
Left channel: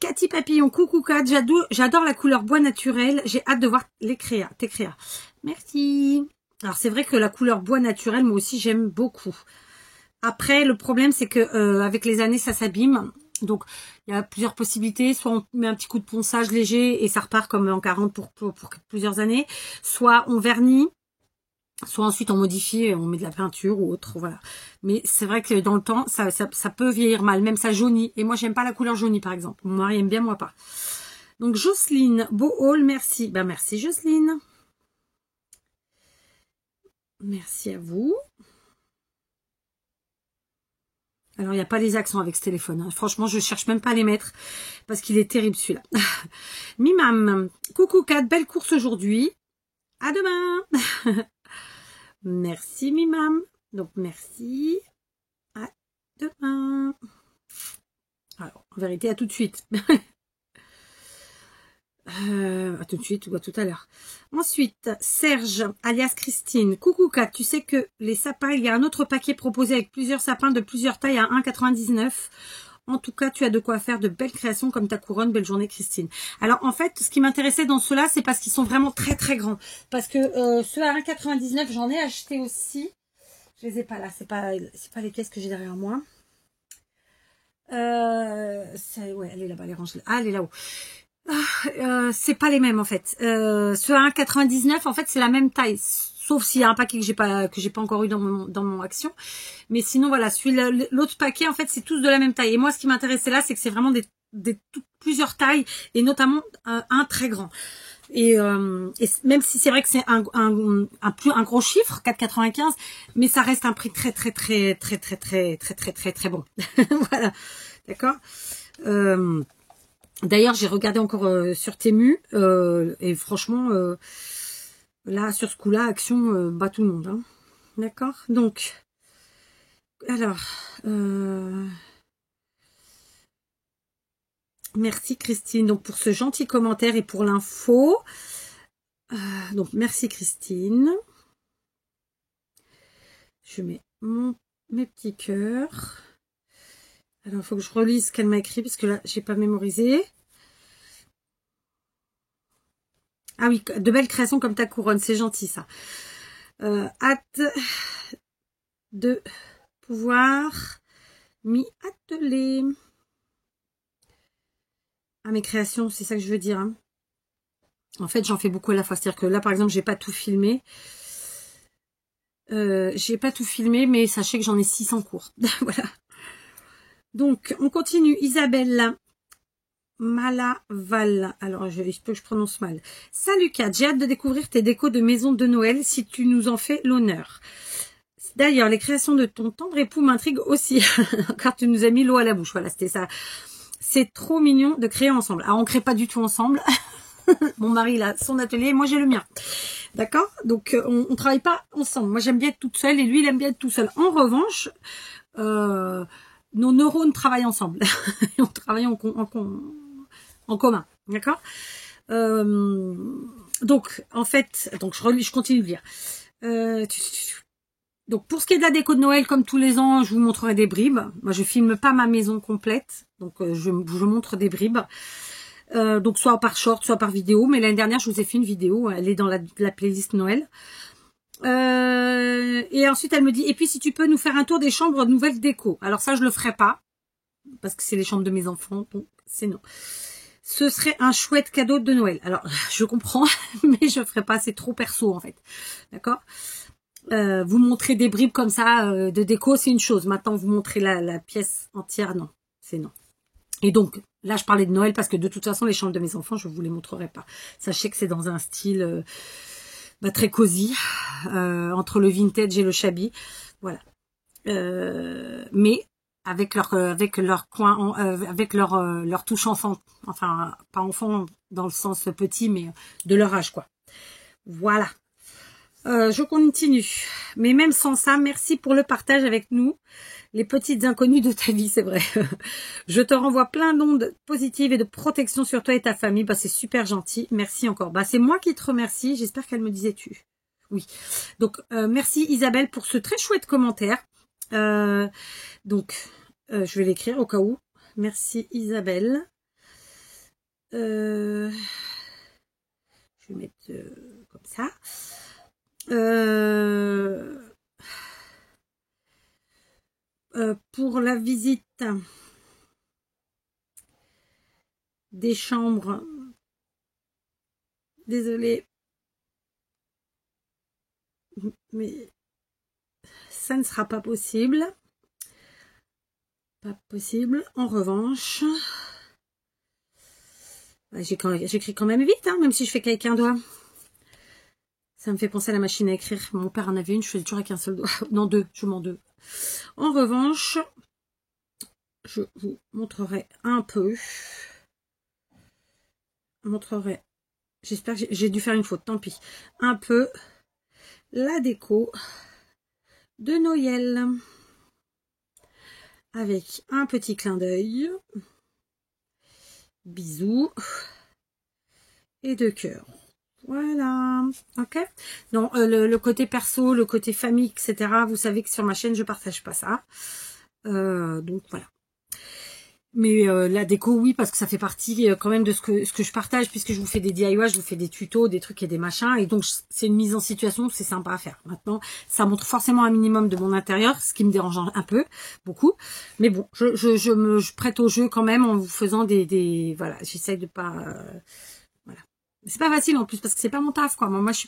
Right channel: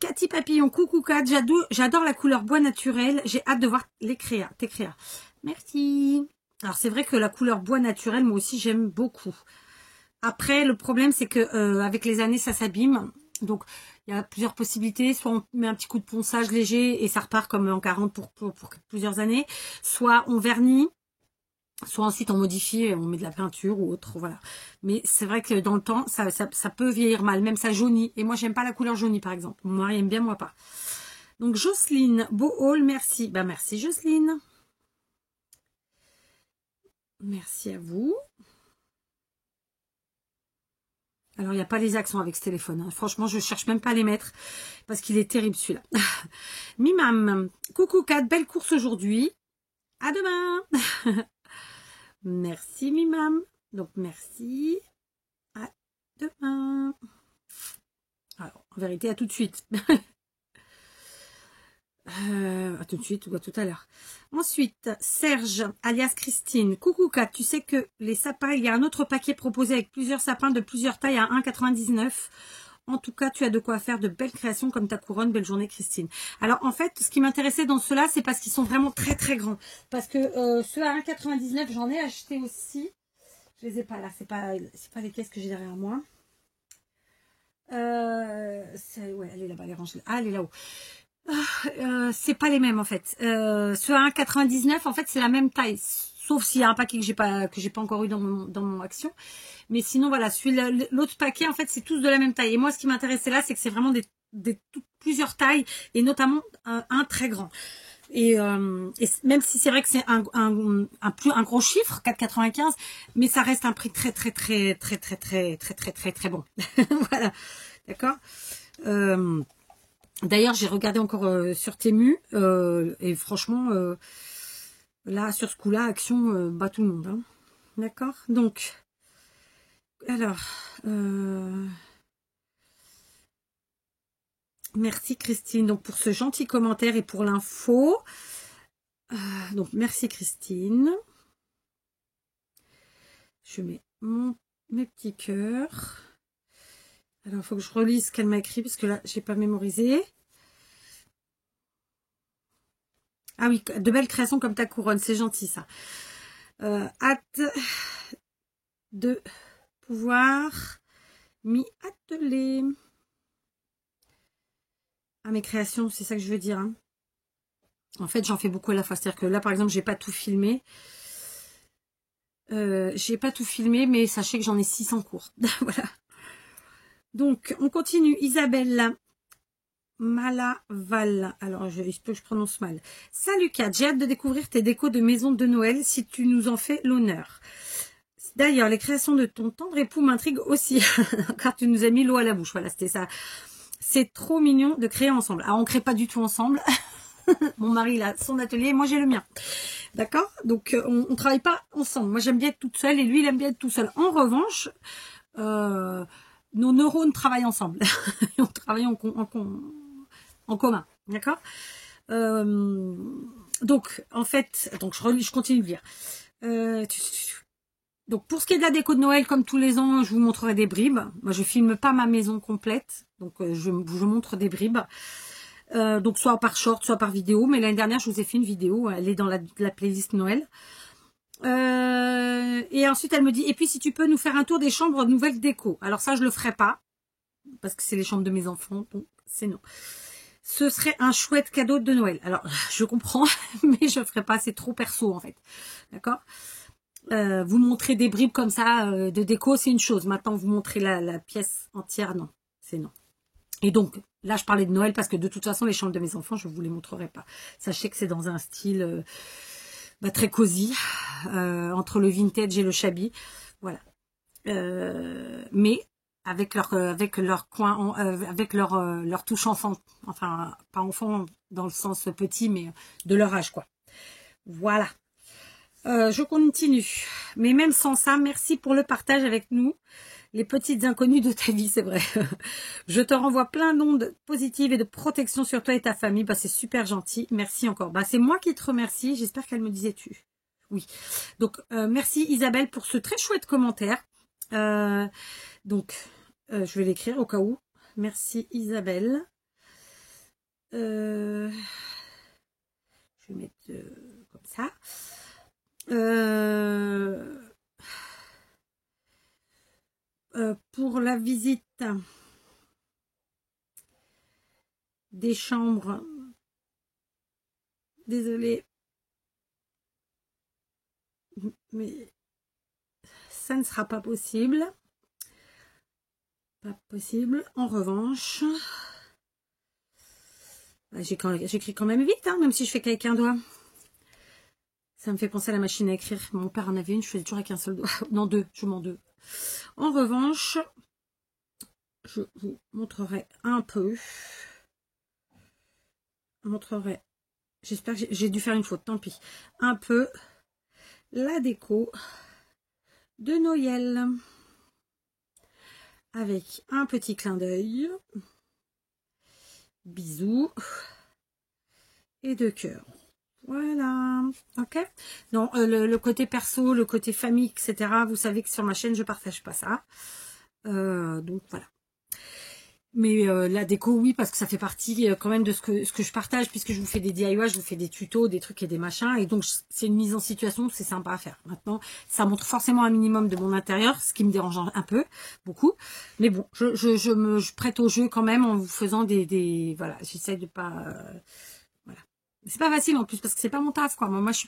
Cathy Papillon, coucou Kat, j'adore la couleur bois naturel, j'ai hâte de voir tes créas. Merci. Alors c'est vrai que la couleur bois naturel, moi aussi j'aime beaucoup. Après, le problème c'est que avec les années ça s'abîme, donc il y a plusieurs possibilités. Soit on met un petit coup de ponçage léger et ça repart comme en 40 pour plusieurs années, soit on vernit. Soit ensuite on modifie et on met de la peinture ou autre, voilà. Mais c'est vrai que dans le temps, ça peut vieillir mal, même ça jaunit. Et moi, j'aime pas la couleur jaunie, par exemple. Mon mari aime bien, moi pas. Donc, Jocelyne, beau haul, merci. Ben, merci, Jocelyne. Merci à vous. Alors, il n'y a pas les accents avec ce téléphone. Hein. Franchement, je cherche même pas à les mettre parce qu'il est terrible, celui-là. Mimam, coucou Kat, belle course aujourd'hui. À demain. Merci Mimam. Donc merci. À demain. Alors, en vérité, à tout de suite. À tout de suite ou à tout à l'heure. Ensuite, Serge, alias Christine. Coucou Kat, tu sais que les sapins, il y a un autre paquet proposé avec plusieurs sapins de plusieurs tailles à 1,99 €. En tout cas, tu as de quoi faire de belles créations comme ta couronne. Belle journée, Christine. Alors, en fait, ce qui m'intéressait dans ceux-là, c'est parce qu'ils sont vraiment très, très grands. Parce que ceux à 1,99 €, j'en ai acheté aussi. Je les ai pas là. C'est pas les caisses que j'ai derrière moi. Ouais, elle est là-bas, les range. Ah, elle est là-haut. C'est pas les mêmes, en fait. Ceux à 1,99 €, en fait, c'est la même taille. Sauf s'il y a un paquet que j'ai pas encore eu dans mon action. Mais sinon, voilà, l'autre paquet, en fait, c'est tous de la même taille. Et moi, ce qui m'intéressait là, c'est que c'est vraiment plusieurs tailles, et notamment un très grand. Et même si c'est vrai que c'est un gros chiffre, 4,95 €, mais ça reste un prix très bon. Voilà, d'accord. D'ailleurs, j'ai regardé encore sur Temu, et franchement, là, sur ce coup-là, Action bat tout le monde. Hein. D'accord. Donc, alors, merci Christine donc pour ce gentil commentaire et pour l'info. Donc, merci Christine. Je mets mes petits cœurs. Alors, il faut que je relise ce qu'elle m'a écrit parce que là, je n'ai pas mémorisé. Ah oui, de belles créations comme ta couronne, c'est gentil ça. Hâte de pouvoir m'y atteler. À mes créations, c'est ça que je veux dire. Hein. En fait, j'en fais beaucoup à la fois. C'est-à-dire que là, par exemple, j'ai pas tout filmé. Mais sachez que j'en ai 6 en cours. Voilà. Donc, on continue. Isabelle Malaval. Alors, je prononce mal. Salut Kat, j'ai hâte de découvrir tes décos de maison de Noël si tu nous en fais l'honneur. D'ailleurs, les créations de ton tendre époux m'intriguent aussi, car tu nous as mis l'eau à la bouche. Voilà, c'était ça. C'est trop mignon de créer ensemble. Alors, on ne crée pas du tout ensemble. Mon mari, il a son atelier, moi j'ai le mien. D'accord? Donc, on ne travaille pas ensemble. Moi, j'aime bien être toute seule et lui, il aime bien être tout seul. En revanche, nos neurones travaillent ensemble. On travaille en commun. D'accord? Donc, en fait, je continue de lire. Donc, pour ce qui est de la déco de Noël, comme tous les ans, je vous montrerai des bribes. Moi, je filme pas ma maison complète. Donc, je montre des bribes. Donc, soit par short, soit par vidéo. Mais l'année dernière, je vous ai fait une vidéo. Elle est dans la playlist Noël. Et ensuite, elle me dit, et puis, si tu peux nous faire un tour des chambres de nouvelles déco. Alors, ça, je le ferai pas. Parce que c'est les chambres de mes enfants. Donc, c'est non. Ce serait un chouette cadeau de Noël. Alors, je comprends, mais je ferai pas. C'est trop perso, en fait. D'accord ? Vous montrer des bribes comme ça de déco, c'est une chose. Maintenant, vous montrer la pièce entière, non. C'est non. Et donc, là, je parlais de Noël parce que de toute façon, les chambres de mes enfants, je ne vous les montrerai pas. Sachez que c'est dans un style très cosy, entre le vintage et le shabby. Voilà. Mais avec leur coin, avec leur touche enfant. Enfin, pas enfant dans le sens petit, mais de leur âge, quoi. Voilà. Je continue. Mais même sans ça, merci pour le partage avec nous. Les petites inconnues de ta vie, c'est vrai. Je te renvoie plein d'ondes positives et de protection sur toi et ta famille. Bah, c'est super gentil. Merci encore. Bah, c'est moi qui te remercie. J'espère qu'elle me disait tu. Oui. Donc, merci Isabelle pour ce très chouette commentaire. Donc, je vais l'écrire au cas où. Merci Isabelle. Je vais mettre comme ça. Pour la visite des chambres, désolée, mais ça ne sera pas possible. Pas possible. En revanche, j'écris quand même vite, hein, même si je fais qu'avec un doigt. Ça me fait penser à la machine à écrire. Mon père en avait une, je faisais toujours avec un seul doigt. Non, deux, je m'en deux. En revanche, je vous montrerai un peu. J'espère que j'ai dû faire une faute, tant pis. Un peu la déco de Noël. Avec un petit clin d'œil. Bisous. Et de cœur. Voilà. Ok. Non, le côté perso, le côté famille, etc. Vous savez que sur ma chaîne, je partage pas ça. Donc voilà. Mais la déco, oui, parce que ça fait partie quand même de ce que je partage, puisque je vous fais des DIY, je vous fais des tutos, des trucs et des machins. Et donc, c'est une mise en situation, c'est sympa à faire. Maintenant, ça montre forcément un minimum de mon intérieur, ce qui me dérange un peu, beaucoup. Mais bon, je prête au jeu quand même en vous faisant voilà, j'essaye de pas... voilà. C'est pas facile en plus, parce que c'est pas mon taf, quoi. Moi, je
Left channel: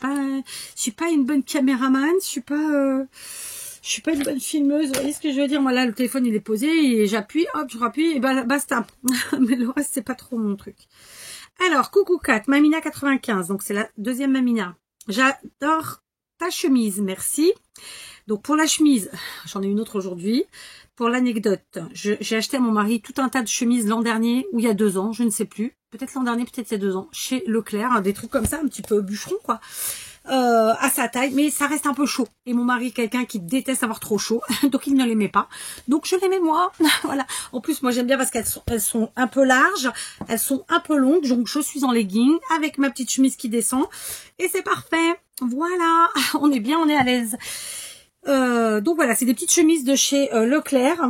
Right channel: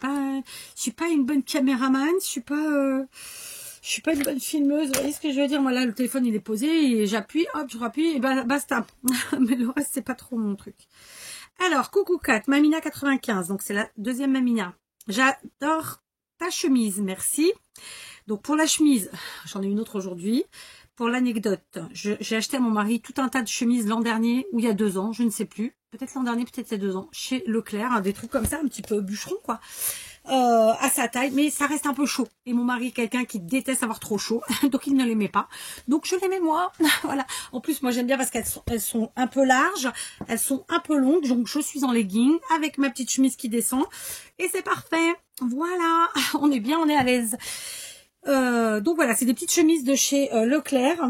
suis pas une bonne caméraman, je suis pas une bonne filmeuse, vous voyez ce que je veux dire? Moi là, le téléphone il est posé, et j'appuie, hop, je rappuie, et bah, basta. Mais le reste, c'est pas trop mon truc. Alors, coucou Kat, Mamina 95, donc c'est la deuxième Mamina. J'adore ta chemise, merci. Donc pour la chemise, j'en ai une autre aujourd'hui. Pour l'anecdote, j'ai acheté à mon mari tout un tas de chemises l'an dernier, ou il y a 2 ans, je ne sais plus. Peut-être l'an dernier, peut-être il y a 2 ans, chez Leclerc, hein, des trucs comme ça, un petit peu bûcheron, quoi. À sa taille, mais ça reste un peu chaud. Et mon mari est quelqu'un qui déteste avoir trop chaud, donc il ne l'aimait pas. Donc je l'aimais moi. Voilà. En plus, moi j'aime bien parce qu'elles sont un peu larges, elles sont un peu longues, donc je suis en legging avec ma petite chemise qui descend. Et c'est parfait. Voilà, on est bien, on est à l'aise. Donc voilà, c'est des petites chemises de chez Leclerc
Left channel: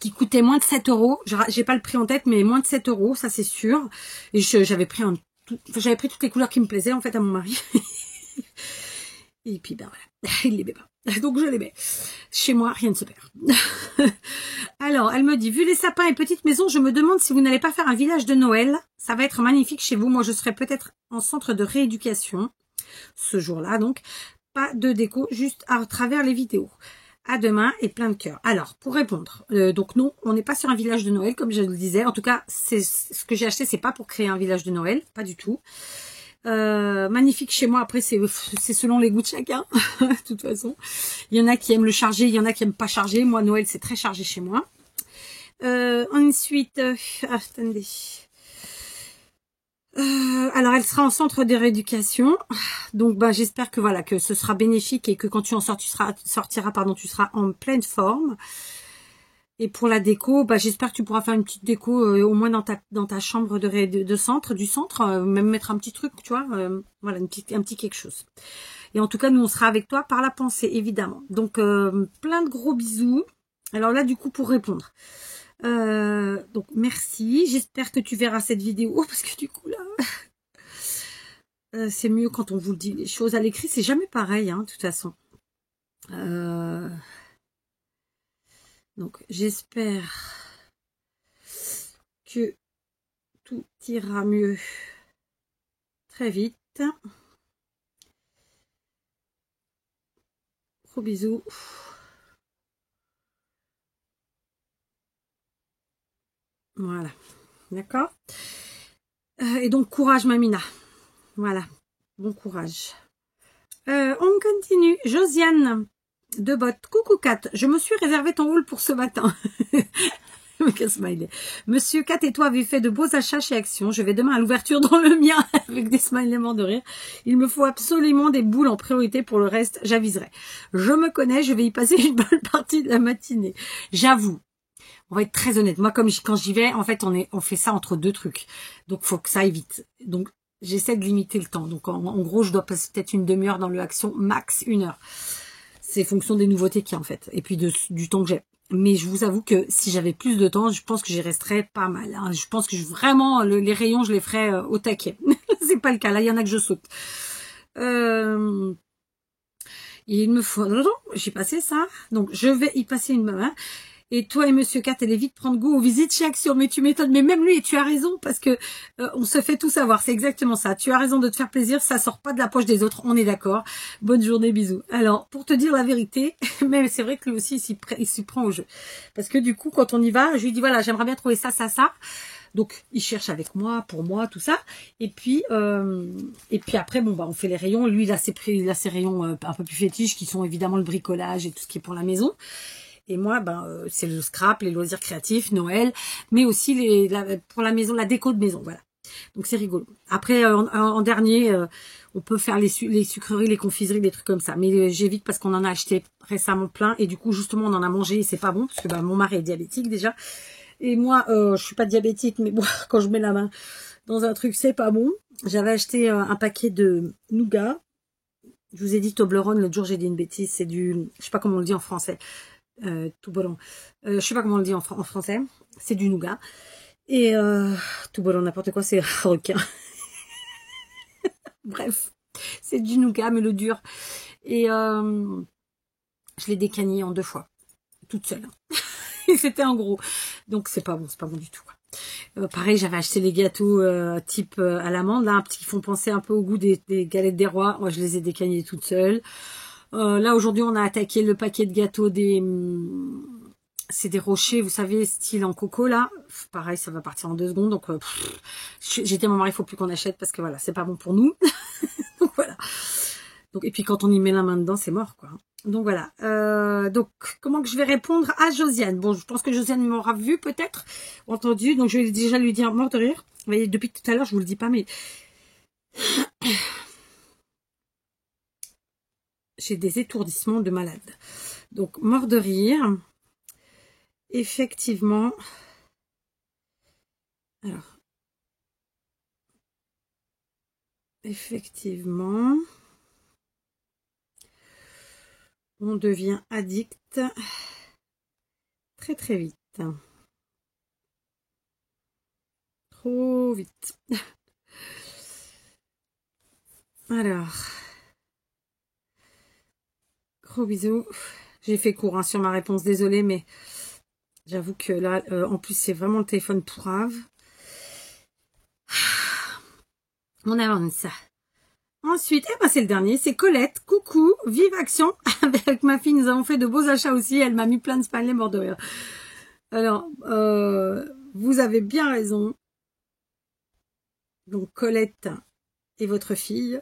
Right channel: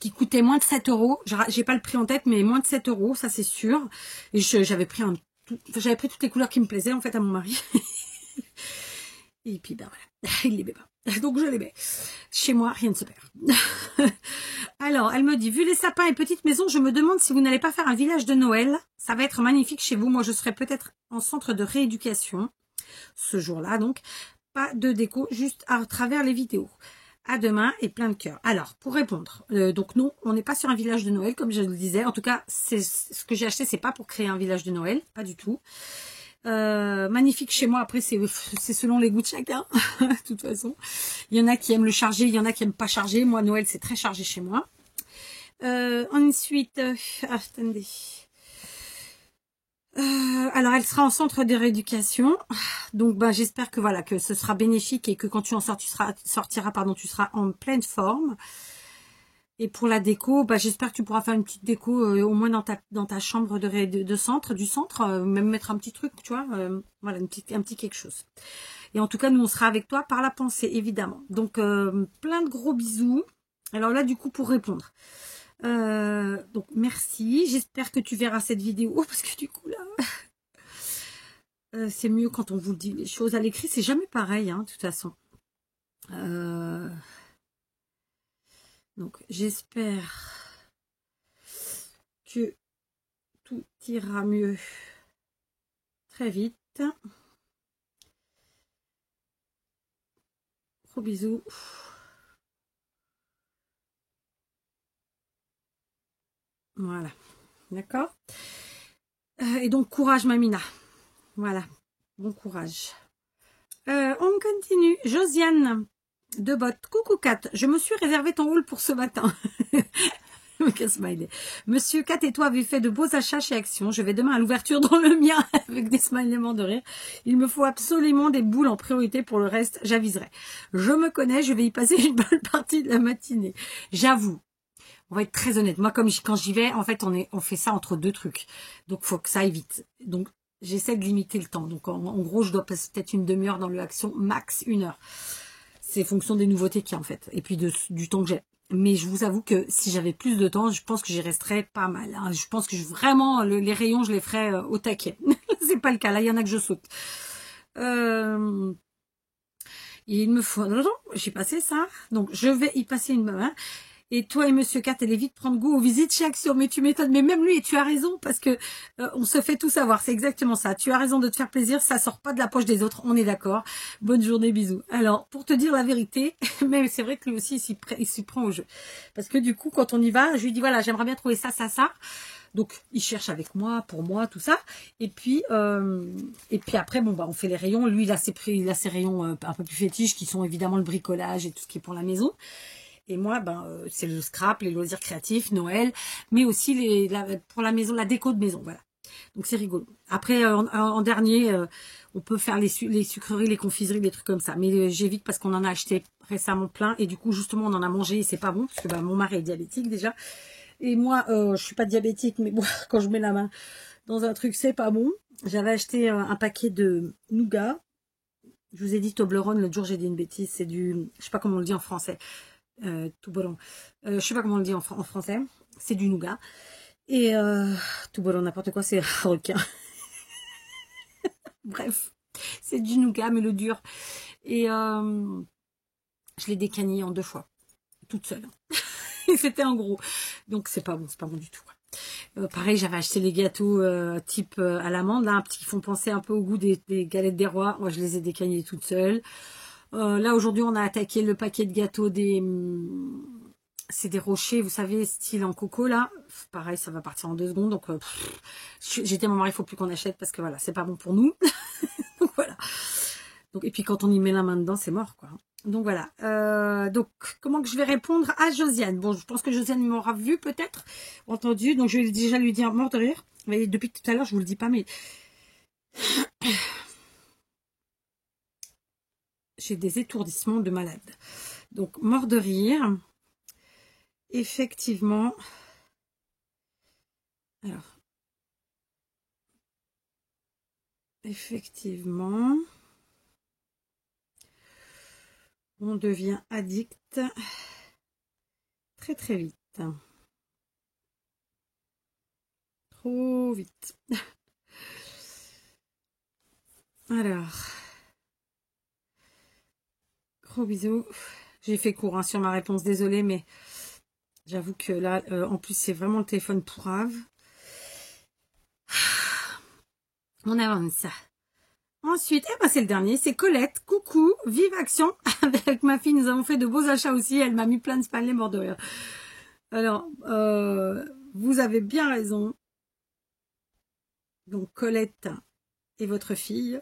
qui coûtaient moins de 7 €. J'ai pas le prix en tête, mais moins de 7 €, ça c'est sûr. Et j'avais pris toutes les couleurs qui me plaisaient en fait à mon mari. Et puis ben voilà, il les met pas. Donc je les mets. Chez moi, rien ne se perd. Alors, elle me dit, vu les sapins et petites maisons, je me demande si vous n'allez pas faire un village de Noël. Ça va être magnifique chez vous. Moi, je serai peut-être en centre de rééducation ce jour-là. Donc, pas de déco, juste à travers les vidéos. À demain et plein de cœur. Alors, pour répondre, donc non, on n'est pas sur un village de Noël, comme je le disais. En tout cas, c'est ce que j'ai acheté, c'est pas pour créer un village de Noël, pas du tout. Magnifique chez moi. Après, c'est selon les goûts de chacun. De toute façon, il y en a qui aiment le charger, il y en a qui aiment pas charger. Moi, Noël, c'est très chargé chez moi. Ensuite, attendez. Alors, elle sera en centre de rééducation. Donc, bah, j'espère que voilà, que ce sera bénéfique et que quand tu en sortiras, tu seras en pleine forme. Et pour la déco, bah, j'espère que tu pourras faire une petite déco au moins dans ta chambre du centre, même mettre un petit truc, tu vois, voilà, un petit quelque chose. Et en tout cas, nous, on sera avec toi par la pensée, évidemment. Donc, plein de gros bisous. Alors là, du coup, pour répondre. Donc, merci. J'espère que tu verras cette vidéo, parce que du coup, là, c'est mieux quand on vous dit les choses à l'écrit. C'est jamais pareil, hein, de toute façon. Donc, j'espère que tout ira mieux très vite. Gros bisous. Voilà. D'accord. Et donc, courage, Mamina. Voilà. Bon courage. On continue. Josiane de Botte. Coucou Kat, je me suis réservé ton rôle pour ce matin. Monsieur Kat et toi avez fait de beaux achats chez Action. Je vais demain à l'ouverture dans le mien avec des smileys morts de rire. Il me faut absolument des boules en priorité. Pour le reste, j'aviserai. Je me connais, je vais y passer une bonne partie de la matinée. J'avoue. On va être très honnête. Moi, quand j'y vais, en fait, on fait ça entre deux trucs. Donc, faut que ça aille vite. Donc, j'essaie de limiter le temps. Donc, en gros, je dois passer peut-être une demi-heure dans le Action, max 1 heure. C'est fonction des nouveautés qu'il y a, en fait. Et puis, du temps que j'ai. Mais je vous avoue que si j'avais plus de temps, je pense que j'y resterais pas mal. Hein. Je pense que vraiment, les rayons, je les ferais au taquet. C'est pas le cas. Là, il y en a que je saute. Il me faut... J'ai passé ça. Donc, je vais y passer une main. Et toi et Monsieur Kat, allez vite prendre goût aux visites chez Action. Mais tu m'étonnes. Mais même lui, tu as raison, parce que on se fait tout savoir. C'est exactement ça. Tu as raison de te faire plaisir. Ça sort pas de la poche des autres. On est d'accord. Bonne journée, bisous. Alors, pour te dire la vérité, mais c'est vrai que lui aussi, il s'y prend au jeu. Parce que du coup, quand on y va, je lui dis, voilà, j'aimerais bien trouver ça, ça, ça. Donc, il cherche avec moi, pour moi, tout ça. Et puis après, bon, bah, on fait les rayons. Lui, il a ses rayons un peu plus fétiches, qui sont évidemment le bricolage et tout ce qui est pour la maison. Et moi, c'est le scrap, les loisirs créatifs, Noël, mais aussi pour la maison, la déco de maison, voilà. Donc c'est rigolo. Après, en dernier, on peut faire les sucreries, les confiseries, des trucs comme ça. Mais j'évite parce qu'on en a acheté récemment plein. Et du coup, justement, on en a mangé et c'est pas bon. Parce que mon mari est diabétique déjà. Et moi, je suis pas diabétique, mais bon, quand je mets la main dans un truc, c'est pas bon. J'avais acheté un paquet de nougat. Je vous ai dit Toblerone, l'autre jour j'ai dit une bêtise. C'est du, je sais pas comment on le dit en français. Tout bolon. Je sais pas comment on le dit en français. C'est du nougat. Et tout bolon, n'importe quoi, c'est requin. Bref, c'est du nougat, mais le dur. Et je l'ai décagné en 2 fois. Toute seule. C'était en gros. Donc c'est pas bon du tout. Pareil, j'avais acheté les gâteaux type à l'amande, là, qui font penser un peu au goût des galettes des rois. Moi, je les ai décagnés toute seule. Là, aujourd'hui, on a attaqué le paquet de gâteaux c'est des rochers, vous savez, style en coco, là. Pareil, ça va partir en 2 secondes. Donc, j'ai dit à mon mari, il faut plus qu'on achète parce que, voilà, c'est pas bon pour nous. Donc, voilà. Donc, et puis, quand on y met la main dedans, c'est mort, quoi. Donc, voilà. Donc, comment que je vais répondre à Josiane? Bon, je pense que Josiane m'aura vu, peut-être, entendu. Donc, je vais déjà lui dire mort de rire. Vous voyez, depuis tout à l'heure, je vous le dis pas, mais... j'ai des étourdissements de malade. Donc, mort de rire. Effectivement. Alors. Effectivement. On devient addict très très vite. Trop vite. Alors. Gros bisous. J'ai fait court sur ma réponse, désolée, mais j'avoue que là, en plus, c'est vraiment le téléphone pourrave. On avance. Ensuite, c'est le dernier, c'est Colette. Coucou, vive Action. Avec ma fille, nous avons fait de beaux achats aussi. Elle m'a mis plein de smileys morts de rire. Alors, vous avez bien raison. Donc, Colette et votre fille,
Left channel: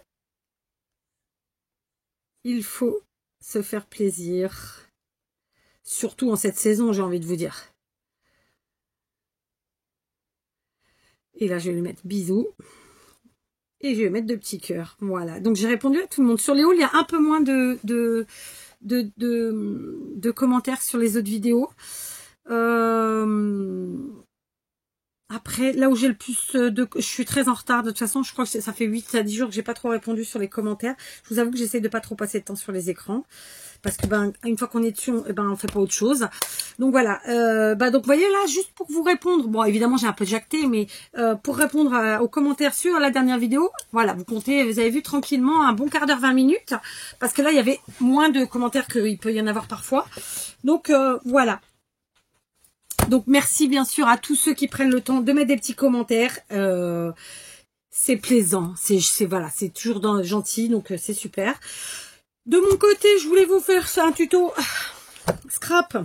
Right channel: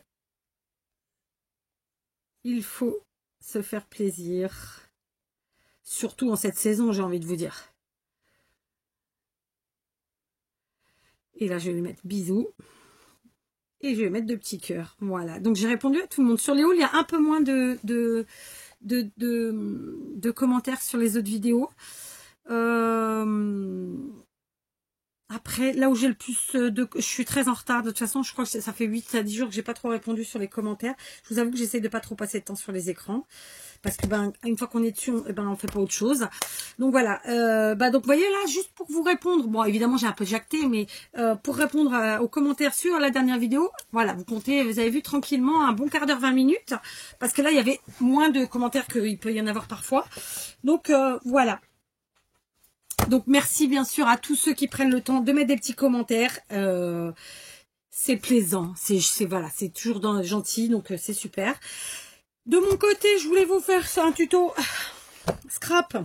il faut se faire plaisir. Surtout en cette saison, j'ai envie de vous dire. Et là, je vais lui mettre bisous. Et je vais mettre 2 petits cœurs. Voilà. Donc, j'ai répondu à tout le monde. Sur les hauts, il y a un peu moins de commentaires sur les autres vidéos. Après, là où j'ai le plus je suis très en retard. De toute façon, je crois que ça fait 8 à 10 jours que j'ai pas trop répondu sur les commentaires. Je vous avoue que j'essaie de pas trop passer de temps sur les écrans. Parce que une fois qu'on est dessus, on fait pas autre chose. Donc voilà. Donc vous voyez là, juste pour vous répondre. Bon, évidemment, j'ai un peu jacté, mais pour répondre aux commentaires sur la dernière vidéo, voilà, vous comptez, vous avez vu tranquillement un bon quart d'heure, 20 minutes. Parce que là, il y avait moins de commentaires qu'il peut y en avoir parfois. Donc voilà. Donc merci bien sûr à tous ceux qui prennent le temps de mettre des petits commentaires. C'est plaisant, voilà, c'est toujours gentil, donc c'est super. De mon côté, je voulais vous faire un tuto scrap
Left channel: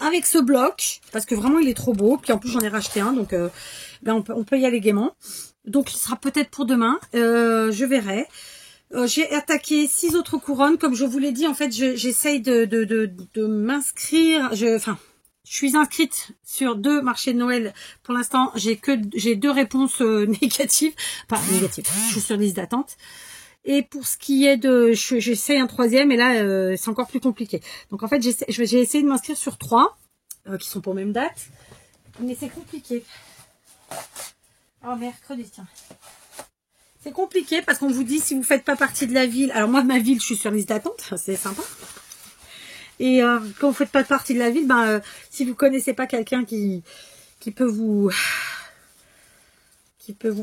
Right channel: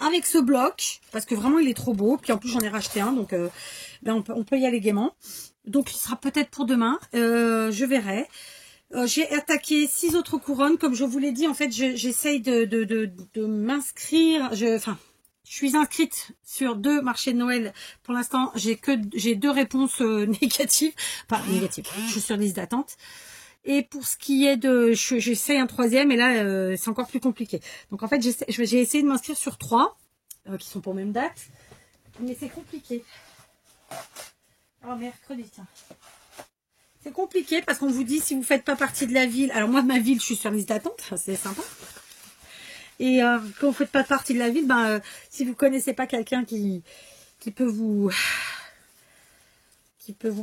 avec ce bloc, parce que vraiment il est trop beau. Puis en plus j'en ai racheté un, donc là on peut y aller gaiement. Donc il sera peut-être pour demain, je verrai. J'ai attaqué 6 autres couronnes, comme je vous l'ai dit. En fait, j'essaye de m'inscrire. Je suis inscrite sur 2 marchés de Noël. Pour l'instant, j'ai 2 réponses négatives. Enfin, négatives. Je suis sur liste d'attente. Et pour ce qui est de... J'essaye un 3e, et là, c'est encore plus compliqué. Donc, en fait, j'ai essayé de m'inscrire sur 3, qui sont pour même date. Mais c'est compliqué. Oh, mercredi, tiens. C'est compliqué parce qu'on vous dit si vous ne faites pas partie de la ville. Alors, moi, de ma ville, je suis sur liste d'attente. C'est sympa. Et quand vous ne faites pas partie de la ville, si vous ne connaissez pas quelqu'un qui peut vous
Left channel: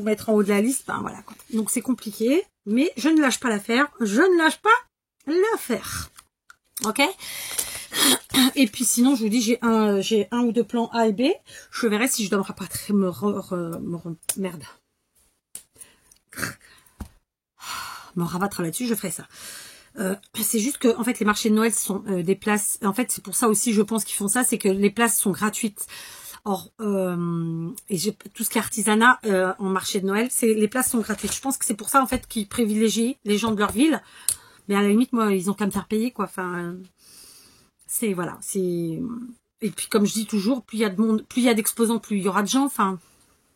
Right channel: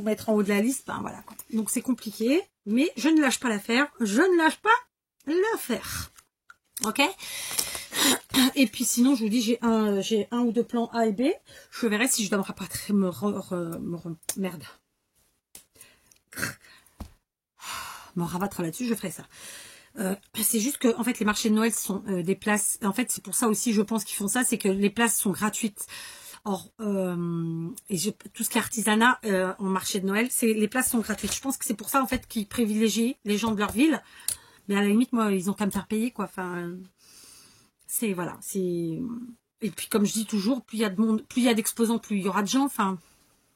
mettre en haut de la liste, voilà quoi. Donc c'est compliqué, mais je ne lâche pas l'affaire, je ne lâche pas l'affaire. Ok. Et puis sinon, je vous dis, j'ai un ou 2 plans A et B. Je verrai si je dois me rapatrier, merde. Me rabattre là-dessus, je ferai ça. C'est juste que en fait les marchés de Noël sont des places, en fait c'est pour ça aussi je pense qu'ils font ça, c'est que les places sont gratuites. Or et tout ce qui est artisanat en marché de Noël, les places sont gratuites. Je pense que c'est pour ça en fait qu'ils privilégient les gens de leur ville, mais à la limite moi ils ont qu'à me faire payer quoi. Enfin c'est voilà, c'est, et puis comme je dis toujours, plus il y a de monde, plus il y a d'exposants, plus il y aura de gens, enfin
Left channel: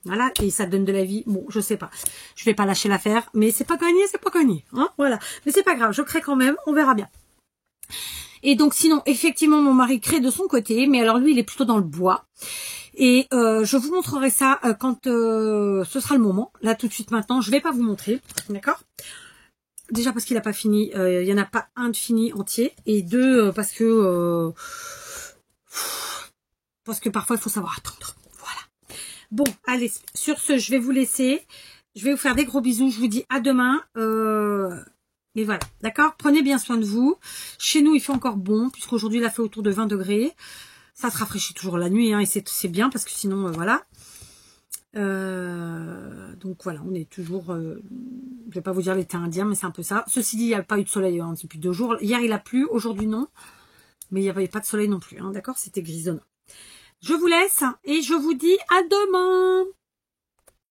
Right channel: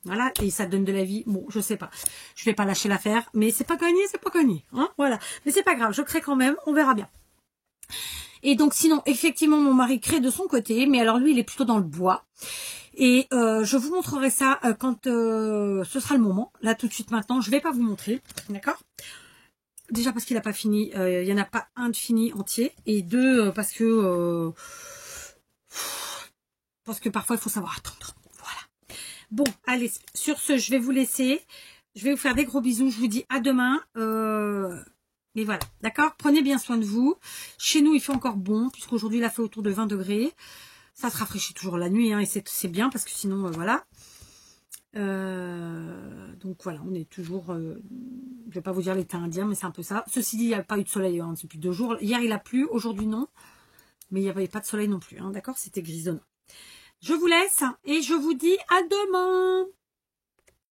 voilà, et ça donne de la vie. Bon, je sais pas. Je vais pas lâcher l'affaire, mais c'est pas gagné, c'est pas gagné. Hein, voilà. Mais c'est pas grave, je crée quand même, on verra bien. Et donc sinon, effectivement, mon mari crée de son côté, mais alors lui, il est plutôt dans le bois. Et je vous montrerai ça quand ce sera le moment. Là, tout de suite maintenant, je vais pas vous montrer, d'accord? Déjà parce qu'il n'a pas fini, il y en a pas un de fini entier, et 2 parce que parfois il faut savoir attendre. Bon, allez, sur ce, je vais vous laisser. Je vais vous faire des gros bisous. Je vous dis à demain. Mais voilà, d'accord? Prenez bien soin de vous. Chez nous, il fait encore bon, puisqu'aujourd'hui, il a fait autour de 20 degrés. Ça se rafraîchit toujours la nuit, hein, et c'est bien, parce que sinon, voilà. Donc voilà, on est toujours... je vais pas vous dire l'été indien, mais c'est un peu ça. Ceci dit, il n'y a pas eu de soleil hein, depuis 2 jours. Hier, il a plu, aujourd'hui, non. Mais il n'y avait pas de soleil non plus, hein, d'accord? C'était grisonnant. Je vous laisse et je vous dis à demain.